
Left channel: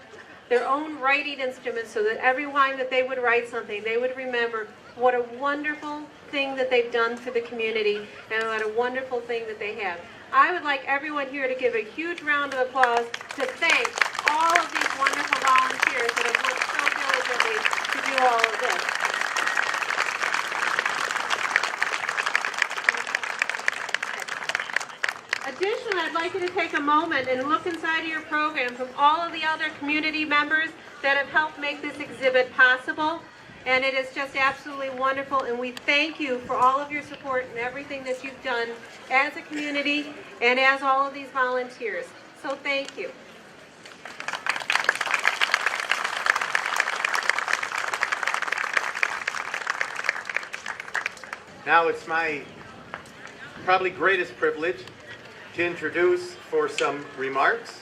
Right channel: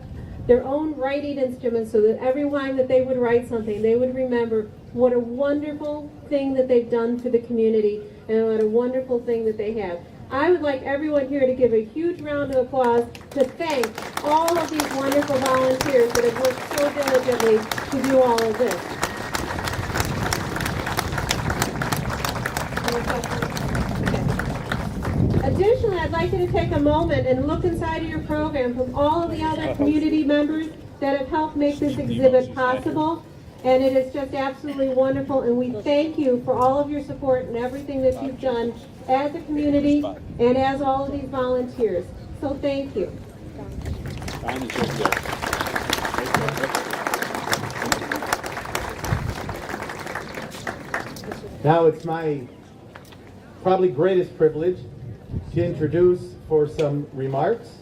their own writing instruments, so that every time that they would write something, they would remember what a wonderful thing that they've done for the community and what a wonderful thing that they have. I would like everyone here to give a huge round of applause to thank all of these wonderful volunteers that have worked so diligently to do all of this. Additionally, I'd like you to take a moment and look inside of your program from all of the other community members that have helped make this exhibit possible. And it is just absolutely wonderful, and we thank you for all of your support and everything that you've done as a community and as all of these volunteers. So thank you. Now it's my probably greatest privilege to introduce for some remarks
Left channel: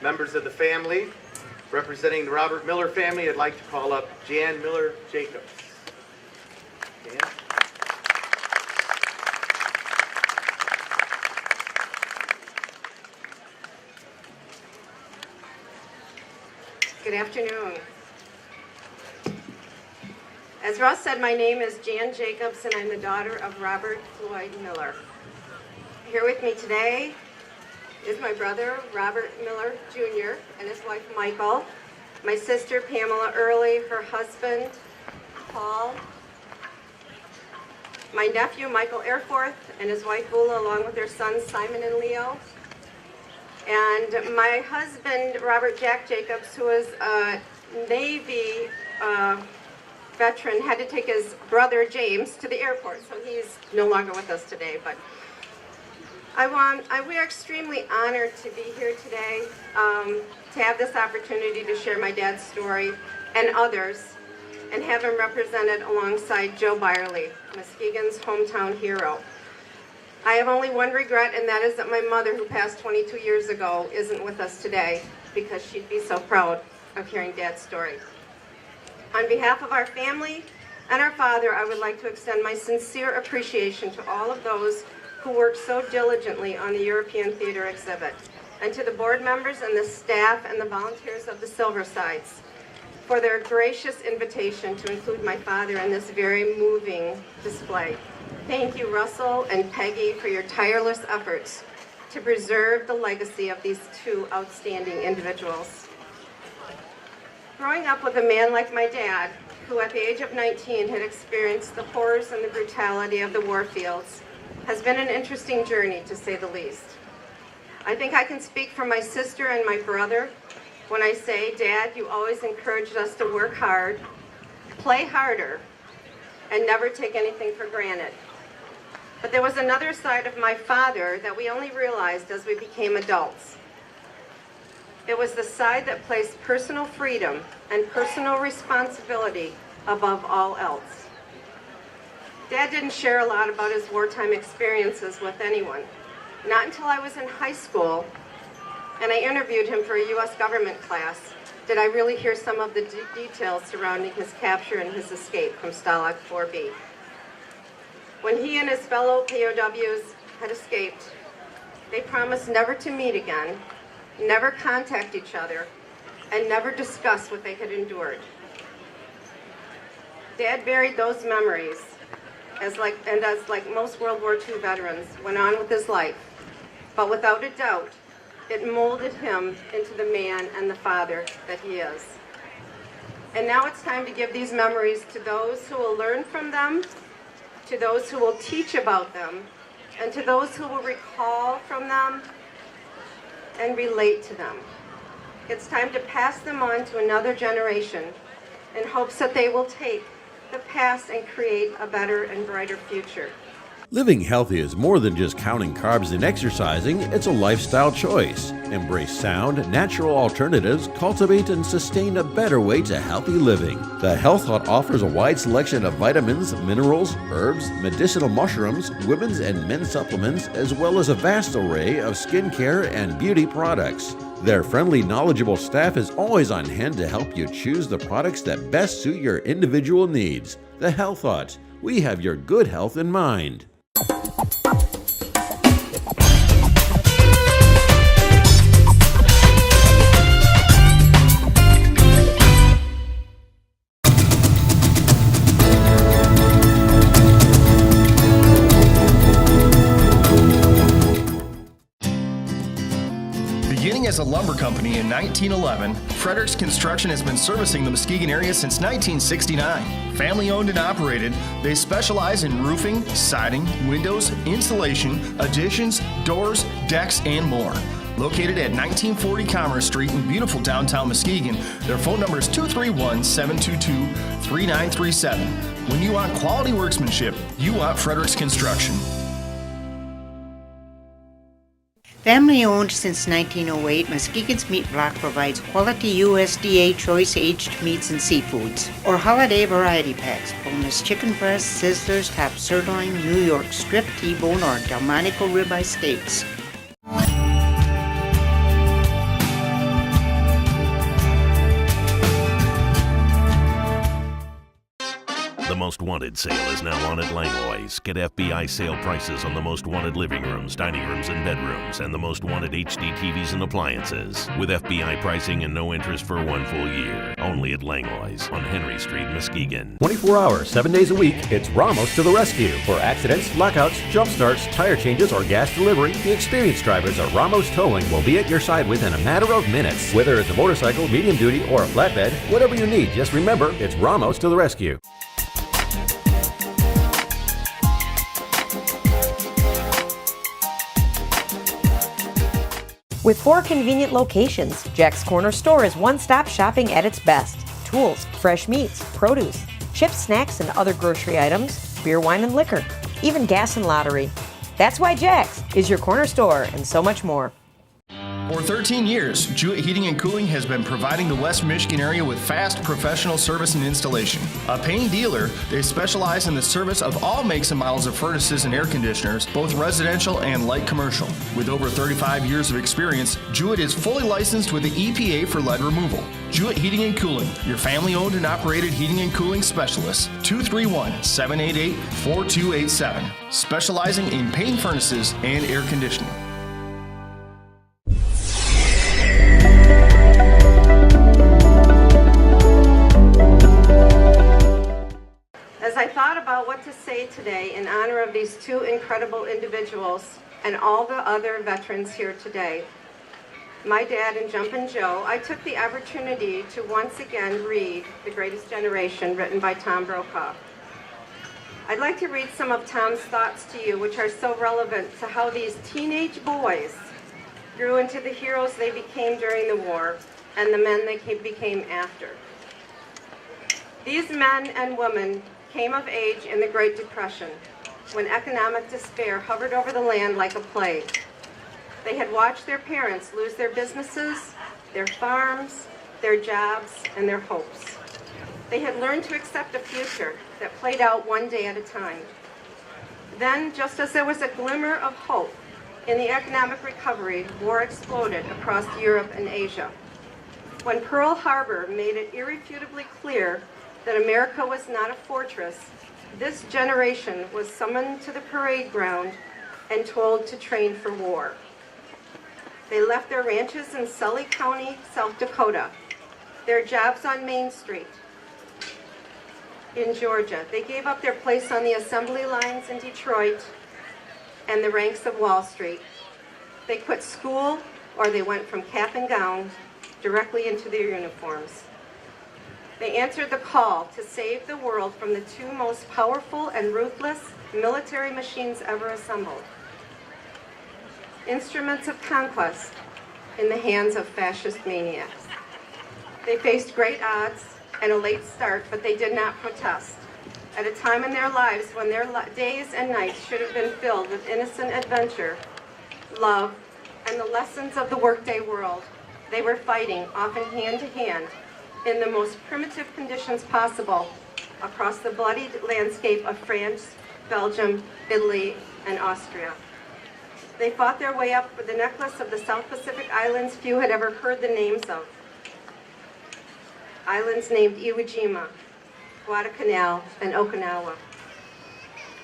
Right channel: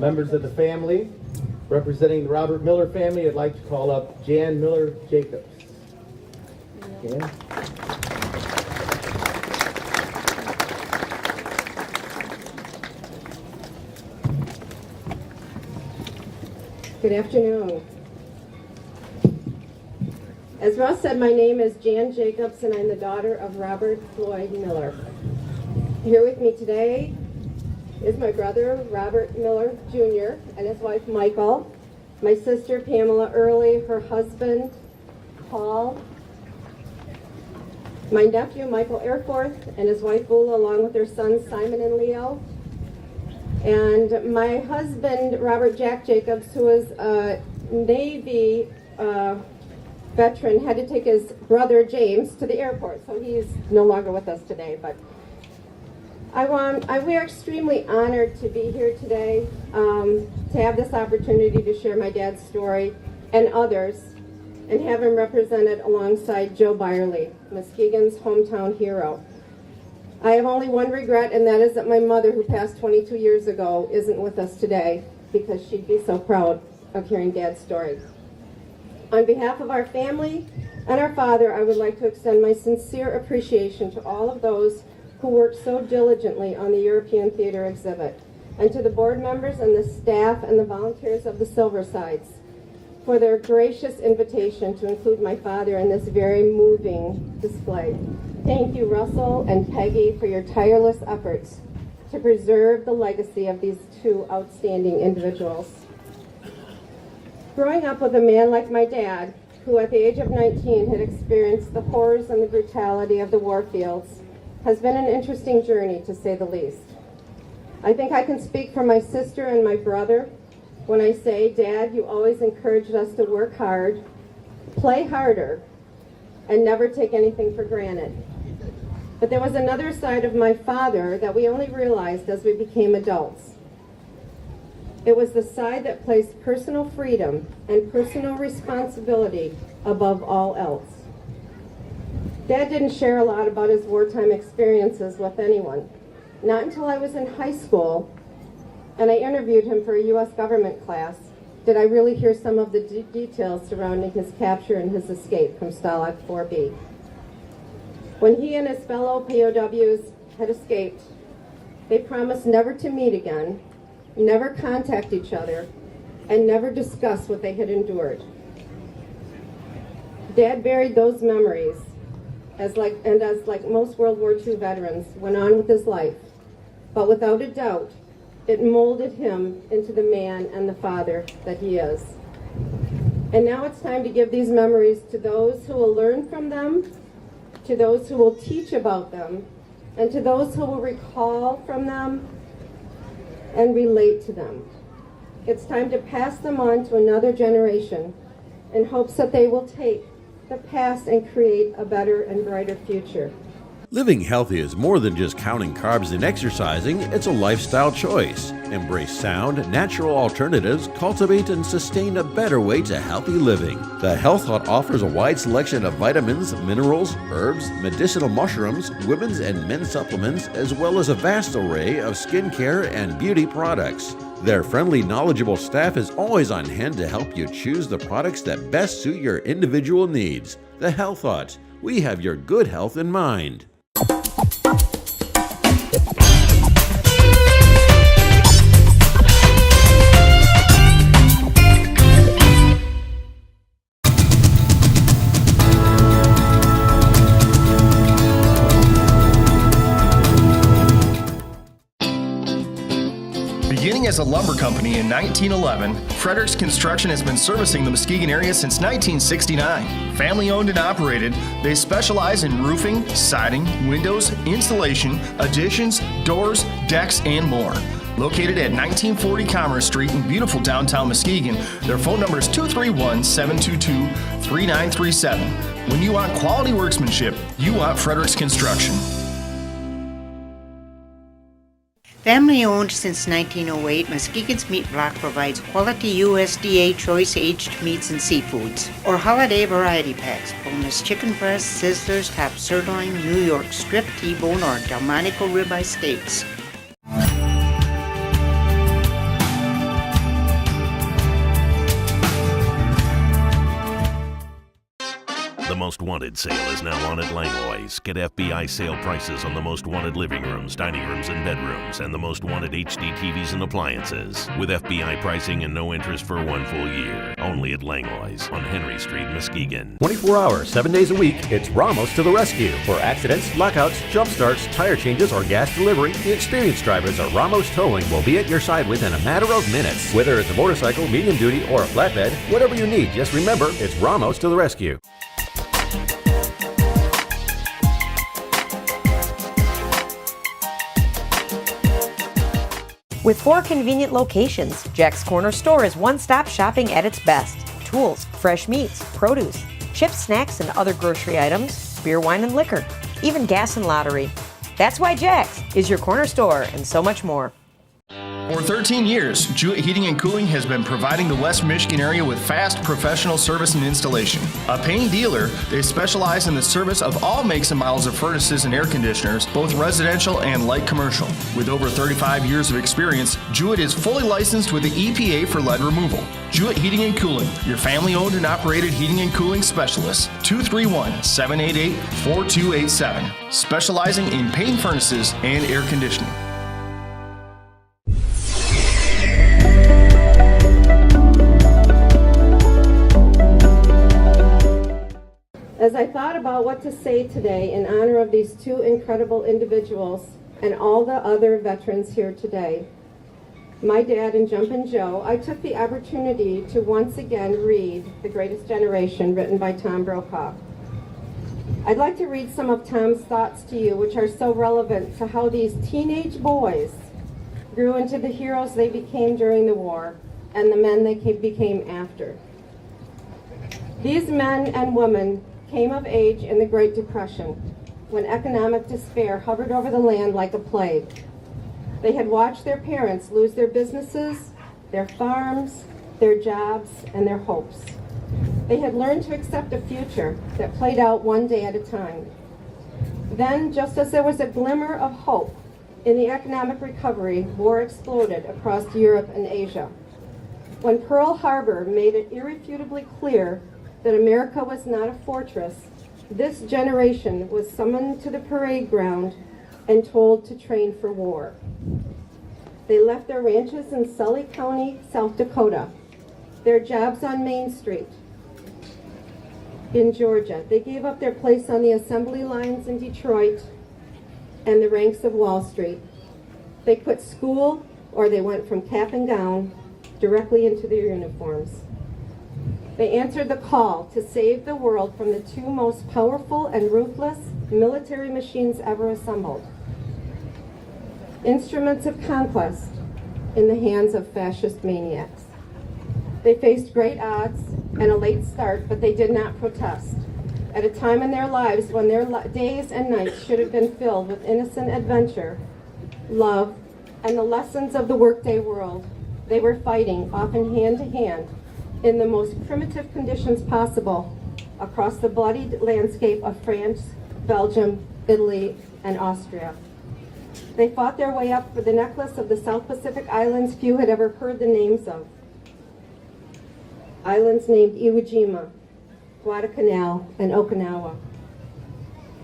members of the family. Representing the Robert Miller family, I'd like to call up Jan Miller Jacobs. Jan? Good afternoon. As Ross said, my name is Jan Jacobs, and I'm the daughter of Robert Floyd Miller. Here with me today is my brother, Robert Miller Jr., and his wife, Michael, my sister, Pamela Early, her husband, Paul, my nephew, Michael Airforth, and his wife, Bula, along with their sons, Simon and Leo, and my husband, Robert Jack Jacobs, who is a Navy veteran, had to take his brother, James, to the airport, so he's no longer with us today, but we're extremely honored to be here today, to have this opportunity to share my dad's story and others, and have him represented alongside Joe Beyrle, Muskegon's hometown hero. I have only one regret, and that is that my mother, who passed 22 years ago, isn't with us today, because she'd be so proud of hearing Dad's story. On behalf of our family and our father, I would like to extend my sincere appreciation to all of those who worked so diligently on the European Theater exhibit, and to the board members and the staff and the volunteers of the Silversides for their gracious invitation to include my father in this very moving display. Thank you, Russell and Peggy, for your tireless efforts to preserve the legacy of these two outstanding individuals. Growing up with a man like my dad, who at the age of 19 had experienced the horrors and the brutality of the war fields, has been an interesting journey, to say the least. I think I can speak for my sister and my brother when I say, Dad, you always encouraged us to work hard, play harder, and never take anything for granted. But there was another side of my father that we only realized as we became adults. It was the side that placed personal freedom and personal responsibility above all else. Dad didn't share a lot about his wartime experiences with anyone. Not until I was in high school, and I interviewed him for a U.S. government class, did I really hear some of the details surrounding his capture and his escape from Stalag 4B. When he and his fellow POWs had escaped, they promised never to meet again, never contact each other, and never discuss what they had endured. Dad buried those memories as like most World War II veterans, went on with his life. But without a doubt, it molded him into the man and the father that he is. And now it's time to give these memories to those who will learn from them, to those who will teach about them, and to those who will recall from them and relate to them. It's time to pass them on to another generation in hopes that they will take the past and create a better and brighter future. Living healthy is more than just counting carbs and exercising, it's a lifestyle choice. Embrace sound, natural alternatives, cultivate and sustain a better way to healthy living. The Health Hut offers a wide selection of vitamins, minerals, herbs, medicinal mushrooms, women's and men's supplements, as well as a vast array of skincare and beauty products. Their friendly, knowledgeable staff is always on hand to help you choose the products that best suit your individual needs. The Health Hut. We have your good health in mind. Beginning as a lumber company in 1911, Fredericks Construction has been servicing the Muskegon area since 1969. Family owned and operated, they specialize in roofing, siding, windows, insulation, additions, doors, decks, and more. Located at 1940 Commerce Street in beautiful downtown Muskegon, their phone number is 231-722-3937. When you want quality workmanship, you want Fredericks Construction. Family owned since 1908, Muskegon's Meat Block provides quality USDA choice aged meats and seafoods, or holiday variety packs, boneless chicken breasts, sizzlers, top sirloin, New York strip, T-bone, or Delmonico ribeye steaks. The Most Wanted sale is now on at Langlois. Get FBI sale prices on the Most Wanted living rooms, dining rooms, and bedrooms, and the Most Wanted HD TVs and appliances. With FBI pricing and no interest for 1 full year. Only at Langlois on Henry Street, Muskegon. 24 hours, 7 days a week, it's Ramos to the rescue. For accidents, lockouts, jump starts, tire changes, or gas delivery, the experienced drivers at Ramos Towing will be at your side within a matter of minutes. Whether it's a motorcycle, medium duty, or a flatbed, whatever you need, just remember, it's Ramos to the rescue. With 4 convenient locations, Jack's Corner Store is one-stop shopping at its best. Tools, fresh meats, produce, chips, snacks, and other grocery items, beer, wine, and liquor, even gas and lottery. That's why Jack's is your corner store and so much more. For 13 years, Jewett Heating and Cooling has been providing the West Michigan area with fast professional service and installation. A paying dealer, they specialize in the service of all makes and models of furnaces and air conditioners, both residential and light commercial. With over 35 years of experience, Jewett is fully licensed with the EPA for lead removal. Jewett Heating and Cooling, your family-owned and operated heating and cooling specialist. 231-788-4287. Specializing in paint furnaces and air conditioning. As I thought about what to say today in honor of these 2 incredible individuals and all the other veterans here today, my dad and Jumpin' Joe, I took the opportunity to once again read The Greatest Generation, written by Tom Brokaw. I'd like to read some of Tom's thoughts to you, which are so relevant to how these teenage boys grew into the heroes they became during the war and the men they became after. These men and women came of age in the Great Depression, when economic despair hovered over the land like a plague. They had watched their parents lose their businesses, their farms, their jobs, and their hopes. They had learned to accept a future that played out one day at a time. Then, just as there was a glimmer of hope in the economic recovery, war exploded across Europe and Asia. When Pearl Harbor made it irrefutably clear that America was not a fortress, this generation was summoned to the parade ground and told to train for war. They left their ranches in Sully County, South Dakota, their jobs on Main Street, in Georgia. They gave up their place on the assembly lines in Detroit and the ranks of Wall Street. They quit school, or they went from cap and gown directly into their uniforms. They answered the call to save the world from the two most powerful and ruthless military machines ever assembled. Instruments of conquest in the hands of fascist maniacs. They faced great odds and a late start, but they did not protest. At a time in their lives when their days and nights should have been filled with innocent adventure, love, and the lessons of the workday world, they were fighting, often hand to hand, in the most primitive conditions possible across the bloodied landscape of France, Belgium, Italy, and Austria. They fought their way up for the necklace of the South Pacific islands few had ever heard the names of. Islands named Iwo Jima, Guadalcanal, and Okinawa.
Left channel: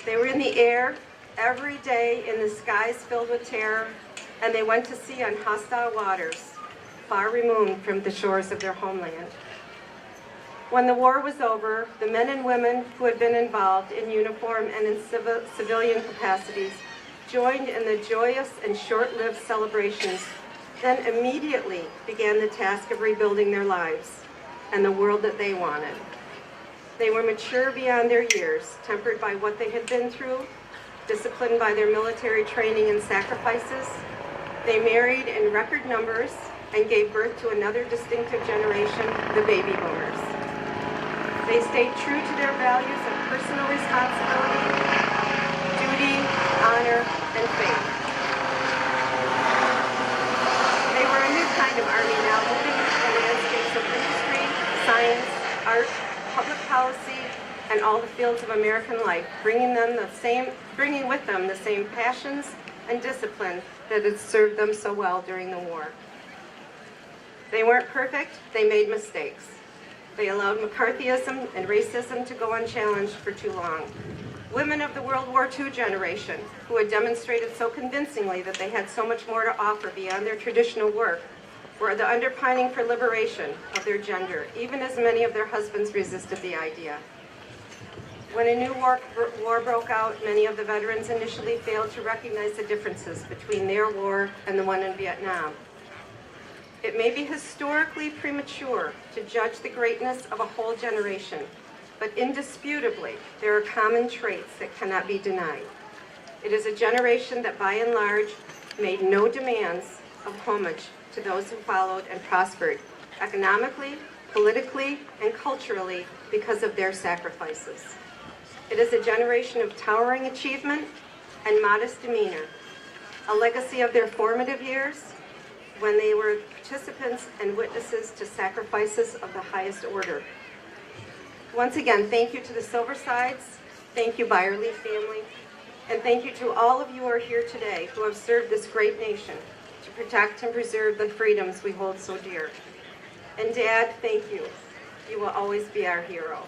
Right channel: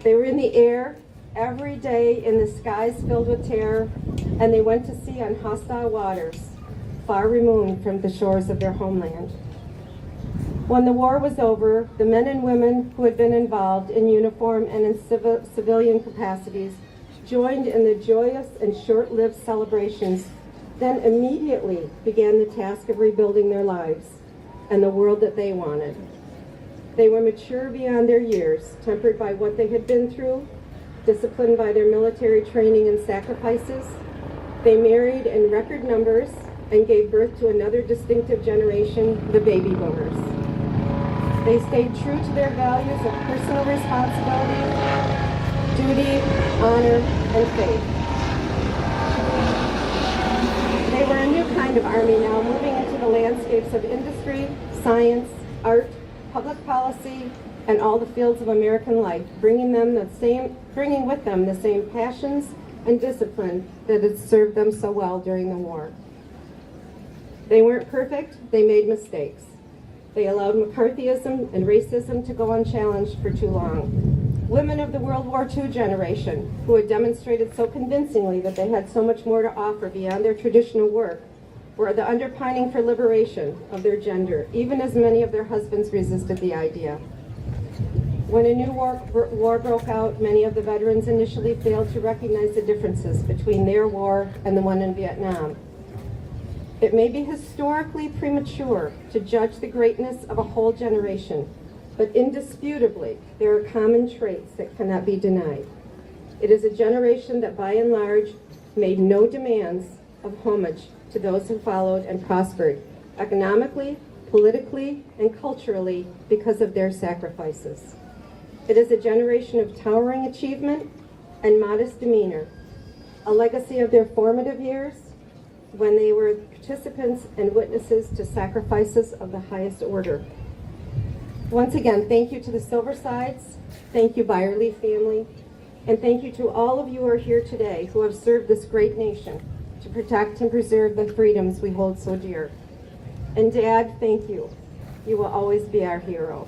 They were in the air every day in the skies filled with terror, and they went to sea on hostile waters, far removed from the shores of their homeland. When the war was over, the men and women who had been involved in uniform and in civilian capacities joined in the joyous and short-lived celebrations, then immediately began the task of rebuilding their lives and the world that they wanted. They were mature beyond their years, tempered by what they had been through, disciplined by their military training and sacrifices. They married in record numbers and gave birth to another distinctive generation, the baby boomers. They stayed true to their values of personal responsibility, duty, honor, and faith. They were a new kind of army now, moving into the landscapes of industry, science, art, public policy, and all the fields of American life, bringing with them the same passions and discipline that had served them so well during the war. They weren't perfect, they made mistakes. They allowed McCarthyism and racism to go unchallenged for too long. Women of the World War II generation, who had demonstrated so convincingly that they had so much more to offer beyond their traditional work, were the underpinning for liberation of their gender, even as many of their husbands resisted the idea. When a new war broke out, many of the veterans initially failed to recognize the differences between their war and the one in Vietnam. It may be historically premature to judge the greatness of a whole generation, but indisputably, there are common traits that cannot be denied. It is a generation that by and large made no demands of homage to those who followed and prospered economically, politically, and culturally because of their sacrifices. It is a generation of towering achievement and modest demeanor, a legacy of their formative years when they were participants and witnesses to sacrifices of the highest order. Once again, thank you to the Silversides, thank you Beyrle family, and thank you to all of you who are here today who have served this great nation to protect and preserve the freedoms we hold so dear. And Dad, thank you. You will always be our hero.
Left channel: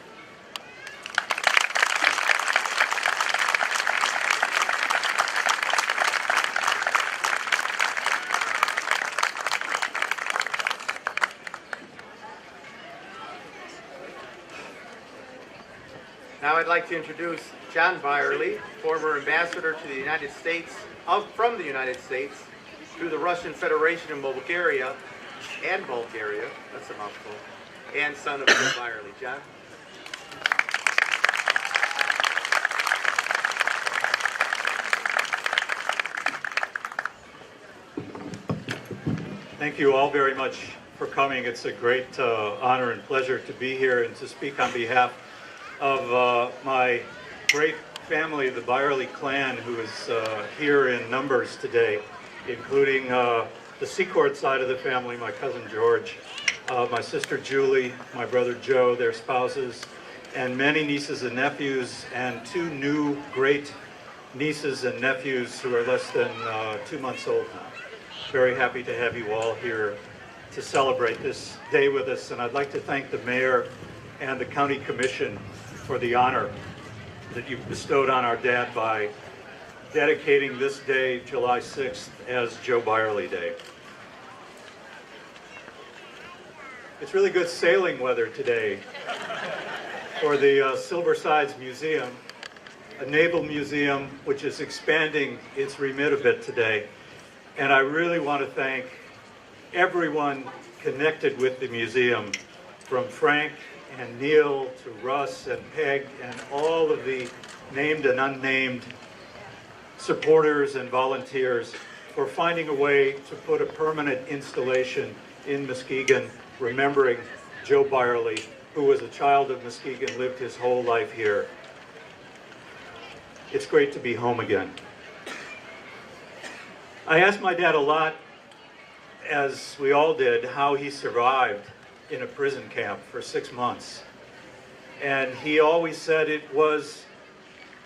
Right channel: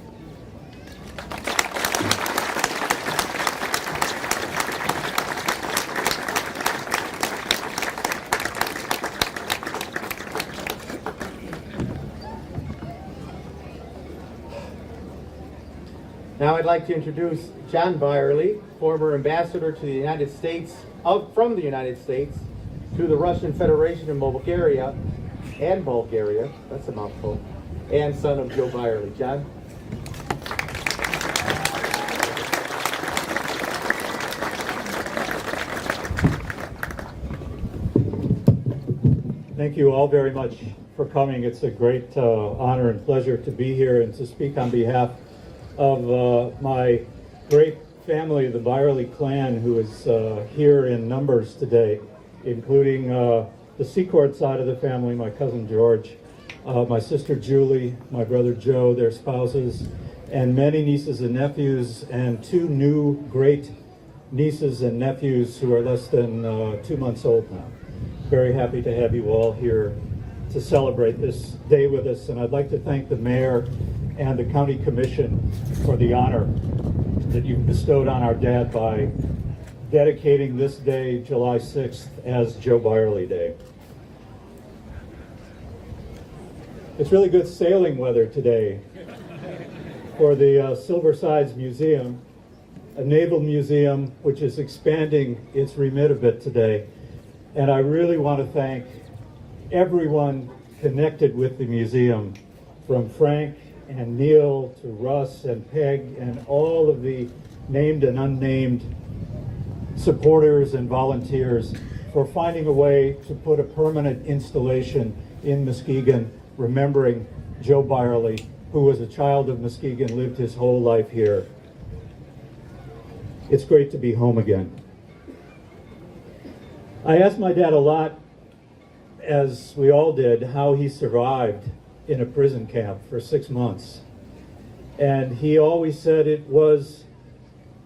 Now I'd like to introduce John Beyrle, former ambassador to the United States, from the United States to the Russian Federation in Bulgaria, that's a mouthful, and son of Joe Beyrle. John? Thank you all very much for coming. It's a great honor and pleasure to be here and to speak on behalf of my great family, the Beyrle clan, who is here in numbers today, including the Secord side of the family, my cousin George, my sister Julie, my brother Joe, their spouses, and many nieces and nephews, and two new great nieces and nephews who are less than 2 months old now. Very happy to have you all here to celebrate this day with us, and I'd like to thank the mayor and the county commission for the honor that you've bestowed on our dad by dedicating this day, July 6th, as Joe Beyrle Day. It's really good sailing weather today. for the Silversides Museum, a naval museum which is expanding its remit a bit today. And I really want to thank everyone connected with the museum, from Frank and Neil to Russ and Peg and all of the named and unnamed supporters and volunteers for finding a way to put a permanent installation in Muskegon, remembering Joe Beyrle, who was a child of Muskegon, lived his whole life here. It's great to be home again. I asked my dad a lot, as we all did, how he survived in a prison camp for 6 months. And he always said it was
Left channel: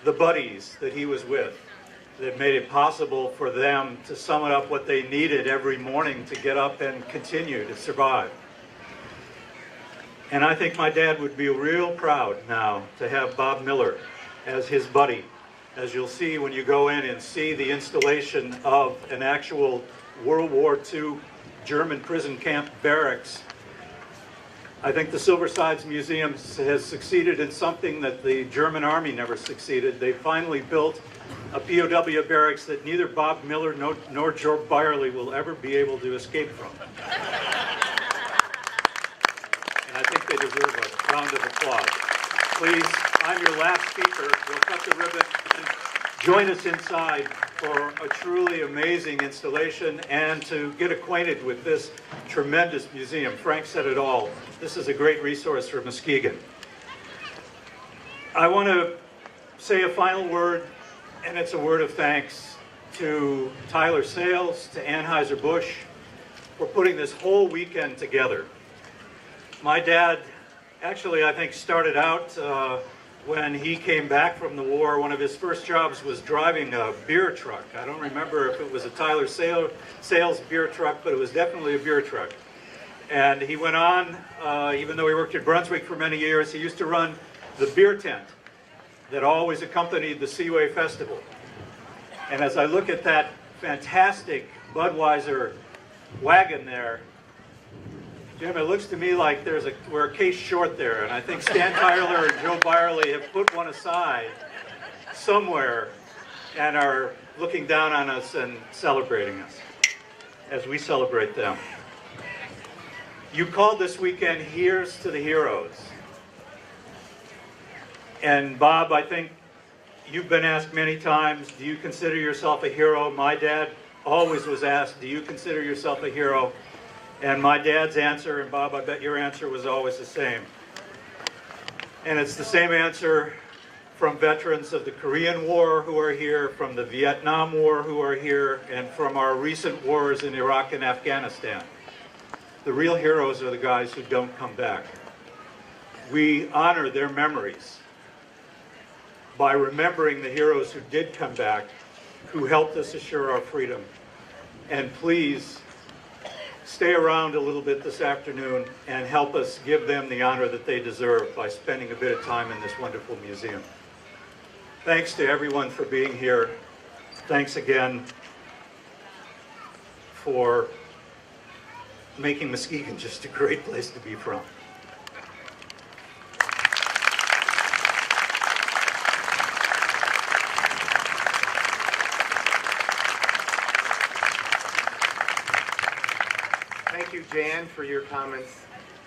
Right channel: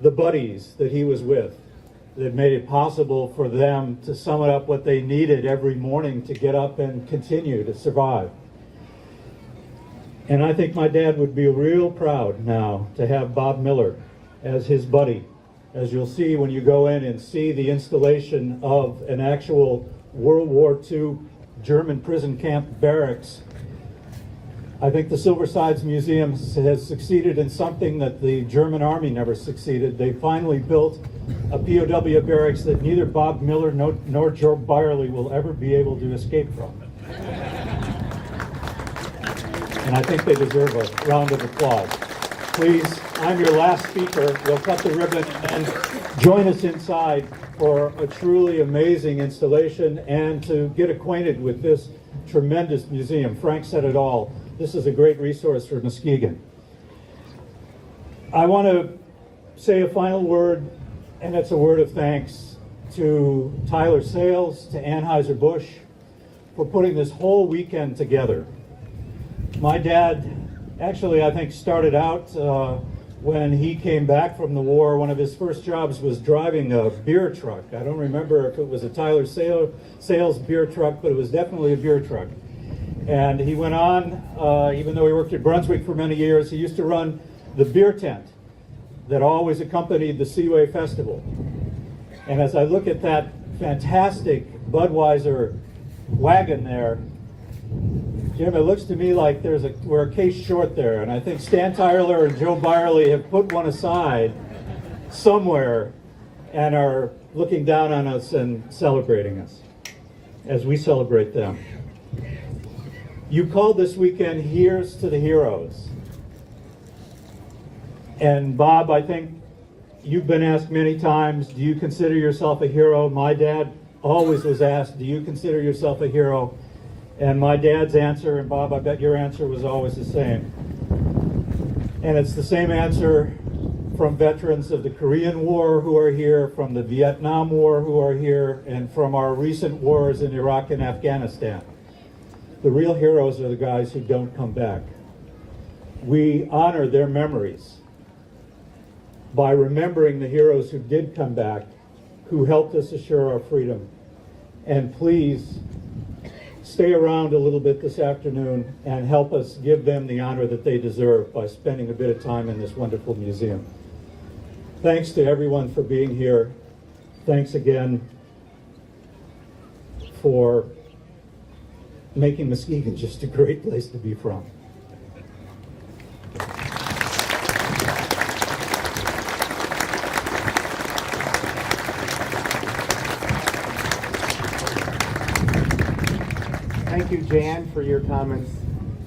the buddies that he was with that made it possible for them to sum up what they needed every morning to get up and continue to survive. And I think my dad would be real proud now to have Bob Miller as his buddy, as you'll see when you go in and see the installation of an actual World War II German prison camp barracks. I think the Silversides Museum has succeeded in something that the German Army never succeeded. They finally built a POW barracks that neither Bob Miller nor Joe Beyrle will ever be able to escape from. And I think they deserve a round of applause. Please, I'm your last speaker. We'll cut the ribbon and join us inside for a truly amazing installation and to get acquainted with this tremendous museum. Frank said it all. This is a great resource for Muskegon. I want to say a final word, and it's a word of thanks to Tyler Sales, to Anheuser-Busch, for putting this whole weekend together. My dad actually, I think, started out when he came back from the war. One of his first jobs was driving a beer truck. I don't remember if it was a Tyler Sales beer truck, but it was definitely a beer truck. And he went on, even though he worked at Brunswick for many years, he used to run the beer tent that always accompanied the Seaway Festival. And as I look at that fantastic Budweiser wagon there, Jim, it looks to me like we're a case short there, and I think Stan Tyler and Joe Beyrle have put one aside somewhere and are looking down on us and celebrating us as we celebrate them. You called this weekend Here's to the Heroes. And Bob, I think you've been asked many times, do you consider yourself a hero? My dad always was asked, do you consider yourself a hero? And my dad's answer, and Bob, I bet your answer was always the same. And it's the same answer from veterans of the Korean War who are here, from the Vietnam War who are here, and from our recent wars in Iraq and Afghanistan. The real heroes are the guys who don't come back. We honor their memories by remembering the heroes who did come back, who helped us assure our freedom. And please, stay around a little bit this afternoon and help us give them the honor that they deserve by spending a bit of time in this wonderful museum. Thanks to everyone for being here. Thanks again for making Muskegon just a great place to be from. Thank you, Jan, for your comments.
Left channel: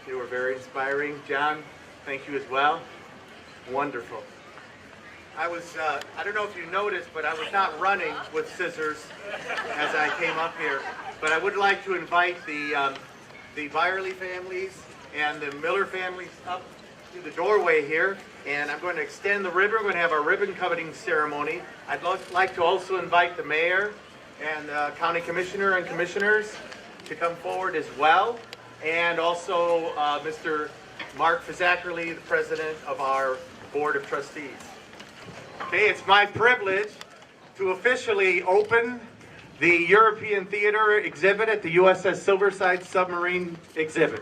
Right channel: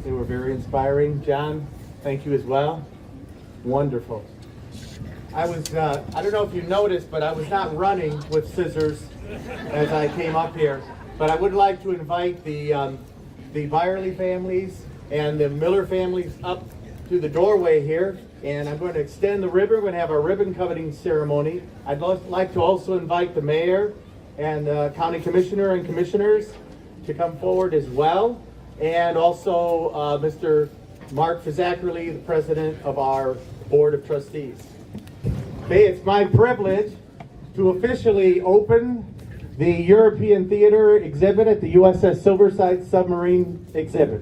They were very inspiring. John, thank you as well. Wonderful. I don't know if you noticed, but I was not running with scissors as I came up here. But I would like to invite the Beyrle families and the Miller families up to the doorway here. And I'm going to extend the ribbon. We're going to have our ribbon cutting ceremony. I'd like to also invite the mayor and the county commissioner and commissioners to come forward as well. And also Mr. Mark Fizzackerly, the president of our board of trustees. Okay, it's my privilege to officially open the European Theater exhibit at the USS Silversides submarine exhibit.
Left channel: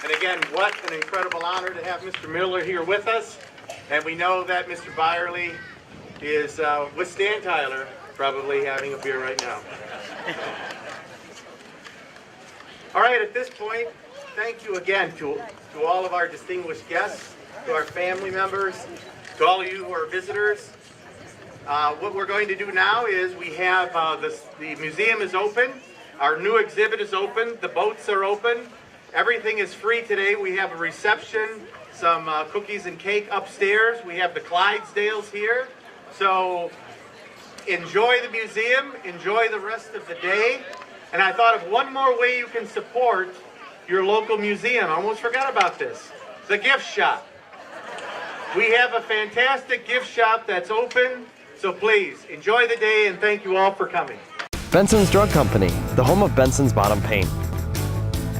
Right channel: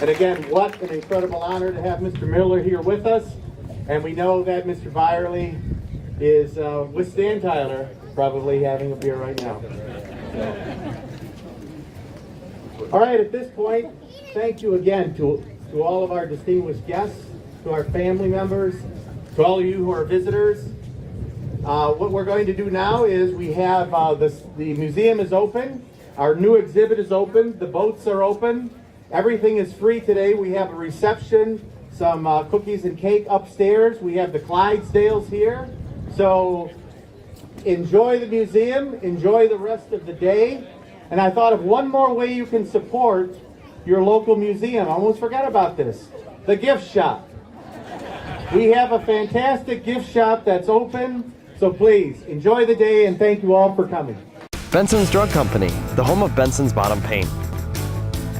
And again, what an incredible honor to have Mr. Miller here with us. And we know that Mr. Beyrle is with Stan Tyler, probably having a beer right now. So. All right, at this point, thank you again to all of our distinguished guests, to our family members, to all of you who are visitors. What we're going to do now is we have the museum is open, our new exhibit is open, the boats are open, everything is free today. We have a reception, some cookies and cake upstairs. We have the Clydesdales here. So enjoy the museum, enjoy the rest of the day. And I thought of one more way you can support your local museum. I almost forgot about this. The gift shop. We have a fantastic gift shop that's open. So please, enjoy the day and thank you all for coming. Benson's Drug Company, the home of Benson's Bottom Pain.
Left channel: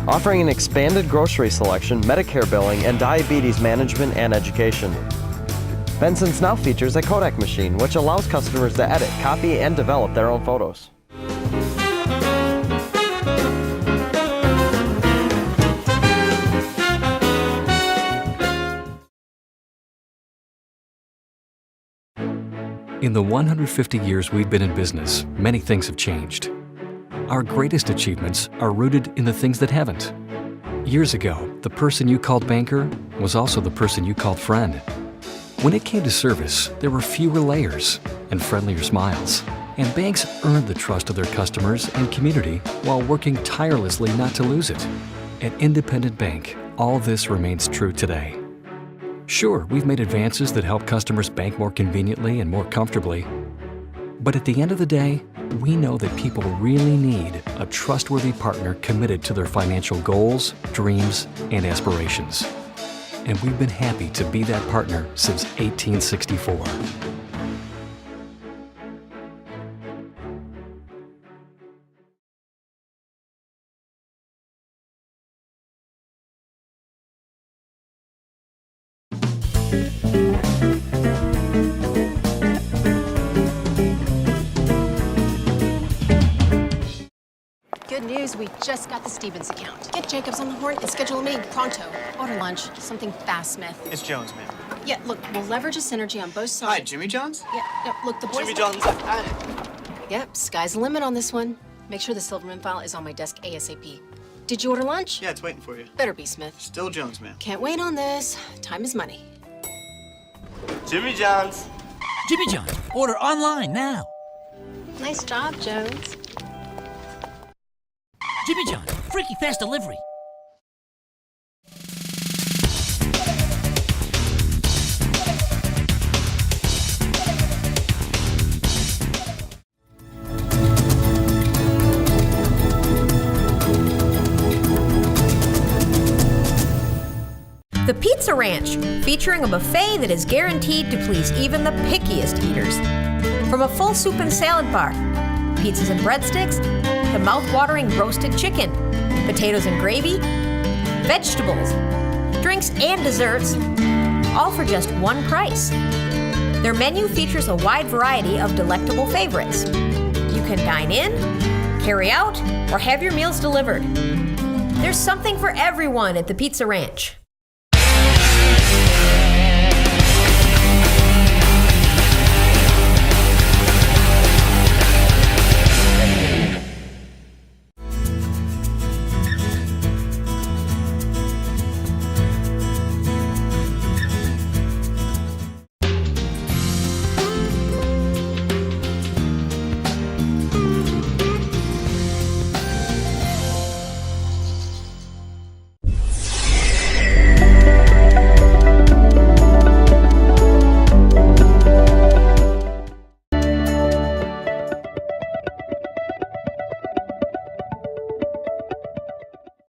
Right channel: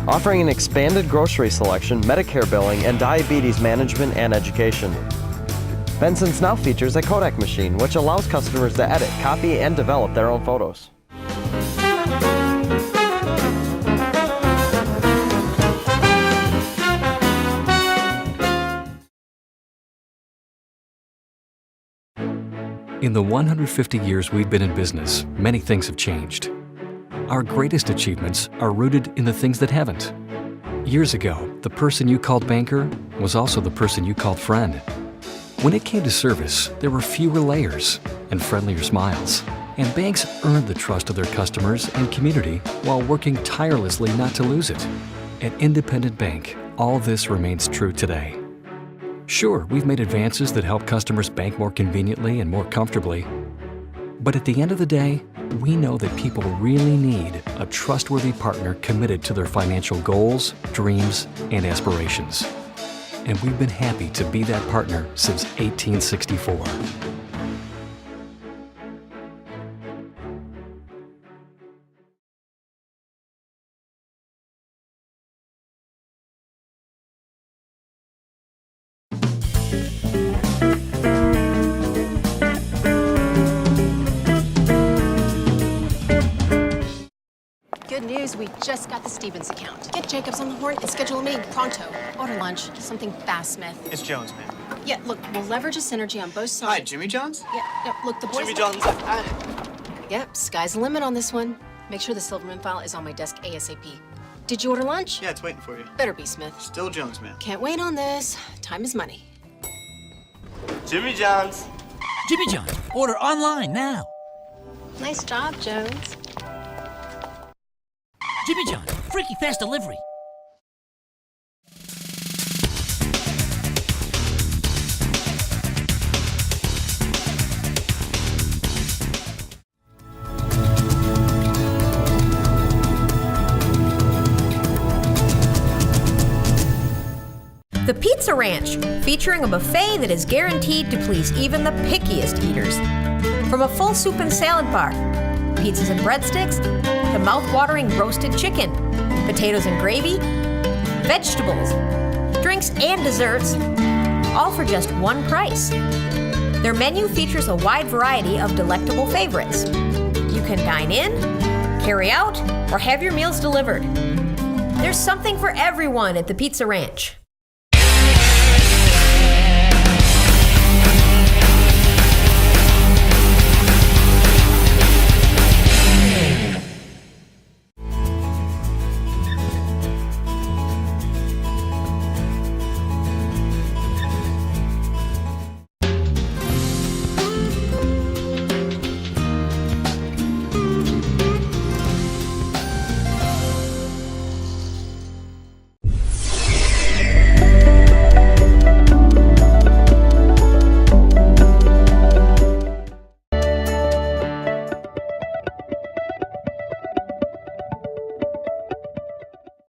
Offering an expanded grocery selection, Medicare billing, and diabetes management and education. Benson's now features a Kodak machine, which allows customers to edit, copy, and develop their own photos. In the 150 years we've been in business, many things have changed. Our greatest achievements are rooted in the things that haven't. Years ago, the person you called banker was also the person you called friend. When it came to service, there were fewer layers and friendlier smiles. And banks earned the trust of their customers and community while working tirelessly not to lose it. At Independent Bank, all this remains true today. Sure, we've made advances that help customers bank more conveniently and more comfortably. But at the end of the day, we know that people really need a trustworthy partner committed to their financial goals, dreams, and aspirations. And we've been happy to be that partner since 1864. Good news, we just got the Stevens account. Get Jacobs on the horn and schedule a meeting pronto. Order lunch, something fast, Smith. It's Jones, ma'am. Yeah, look, we'll leverage a synergy on both sides. Hi, Jimmy Jones? Yeah, no, look, the boys... Jimmy Jones. Yep, sky's the limit on this one. Make sure the Silverman file is on my desk ASAP. Did you order lunch? Yeah, it's waiting for you. Better be, Smith. Still Jones, ma'am. Can't wait on this. Time is money. Jimmy Jones. Jimmy Jones, order online now. Nice job, Jones. Jimmy John's, freaky fast delivery. The Pizza Ranch, featuring a buffet that is guaranteed to please even the pickiest eaters. From a full soup and salad bar, pizzas and breadsticks, to mouth-watering roasted chicken, potatoes and gravy, vegetables, drinks and desserts, all for just one price. Their menu features a wide variety of delectable favorites. You can dine in, carry out, or have your meals delivered. There's something for everyone at the Pizza Ranch.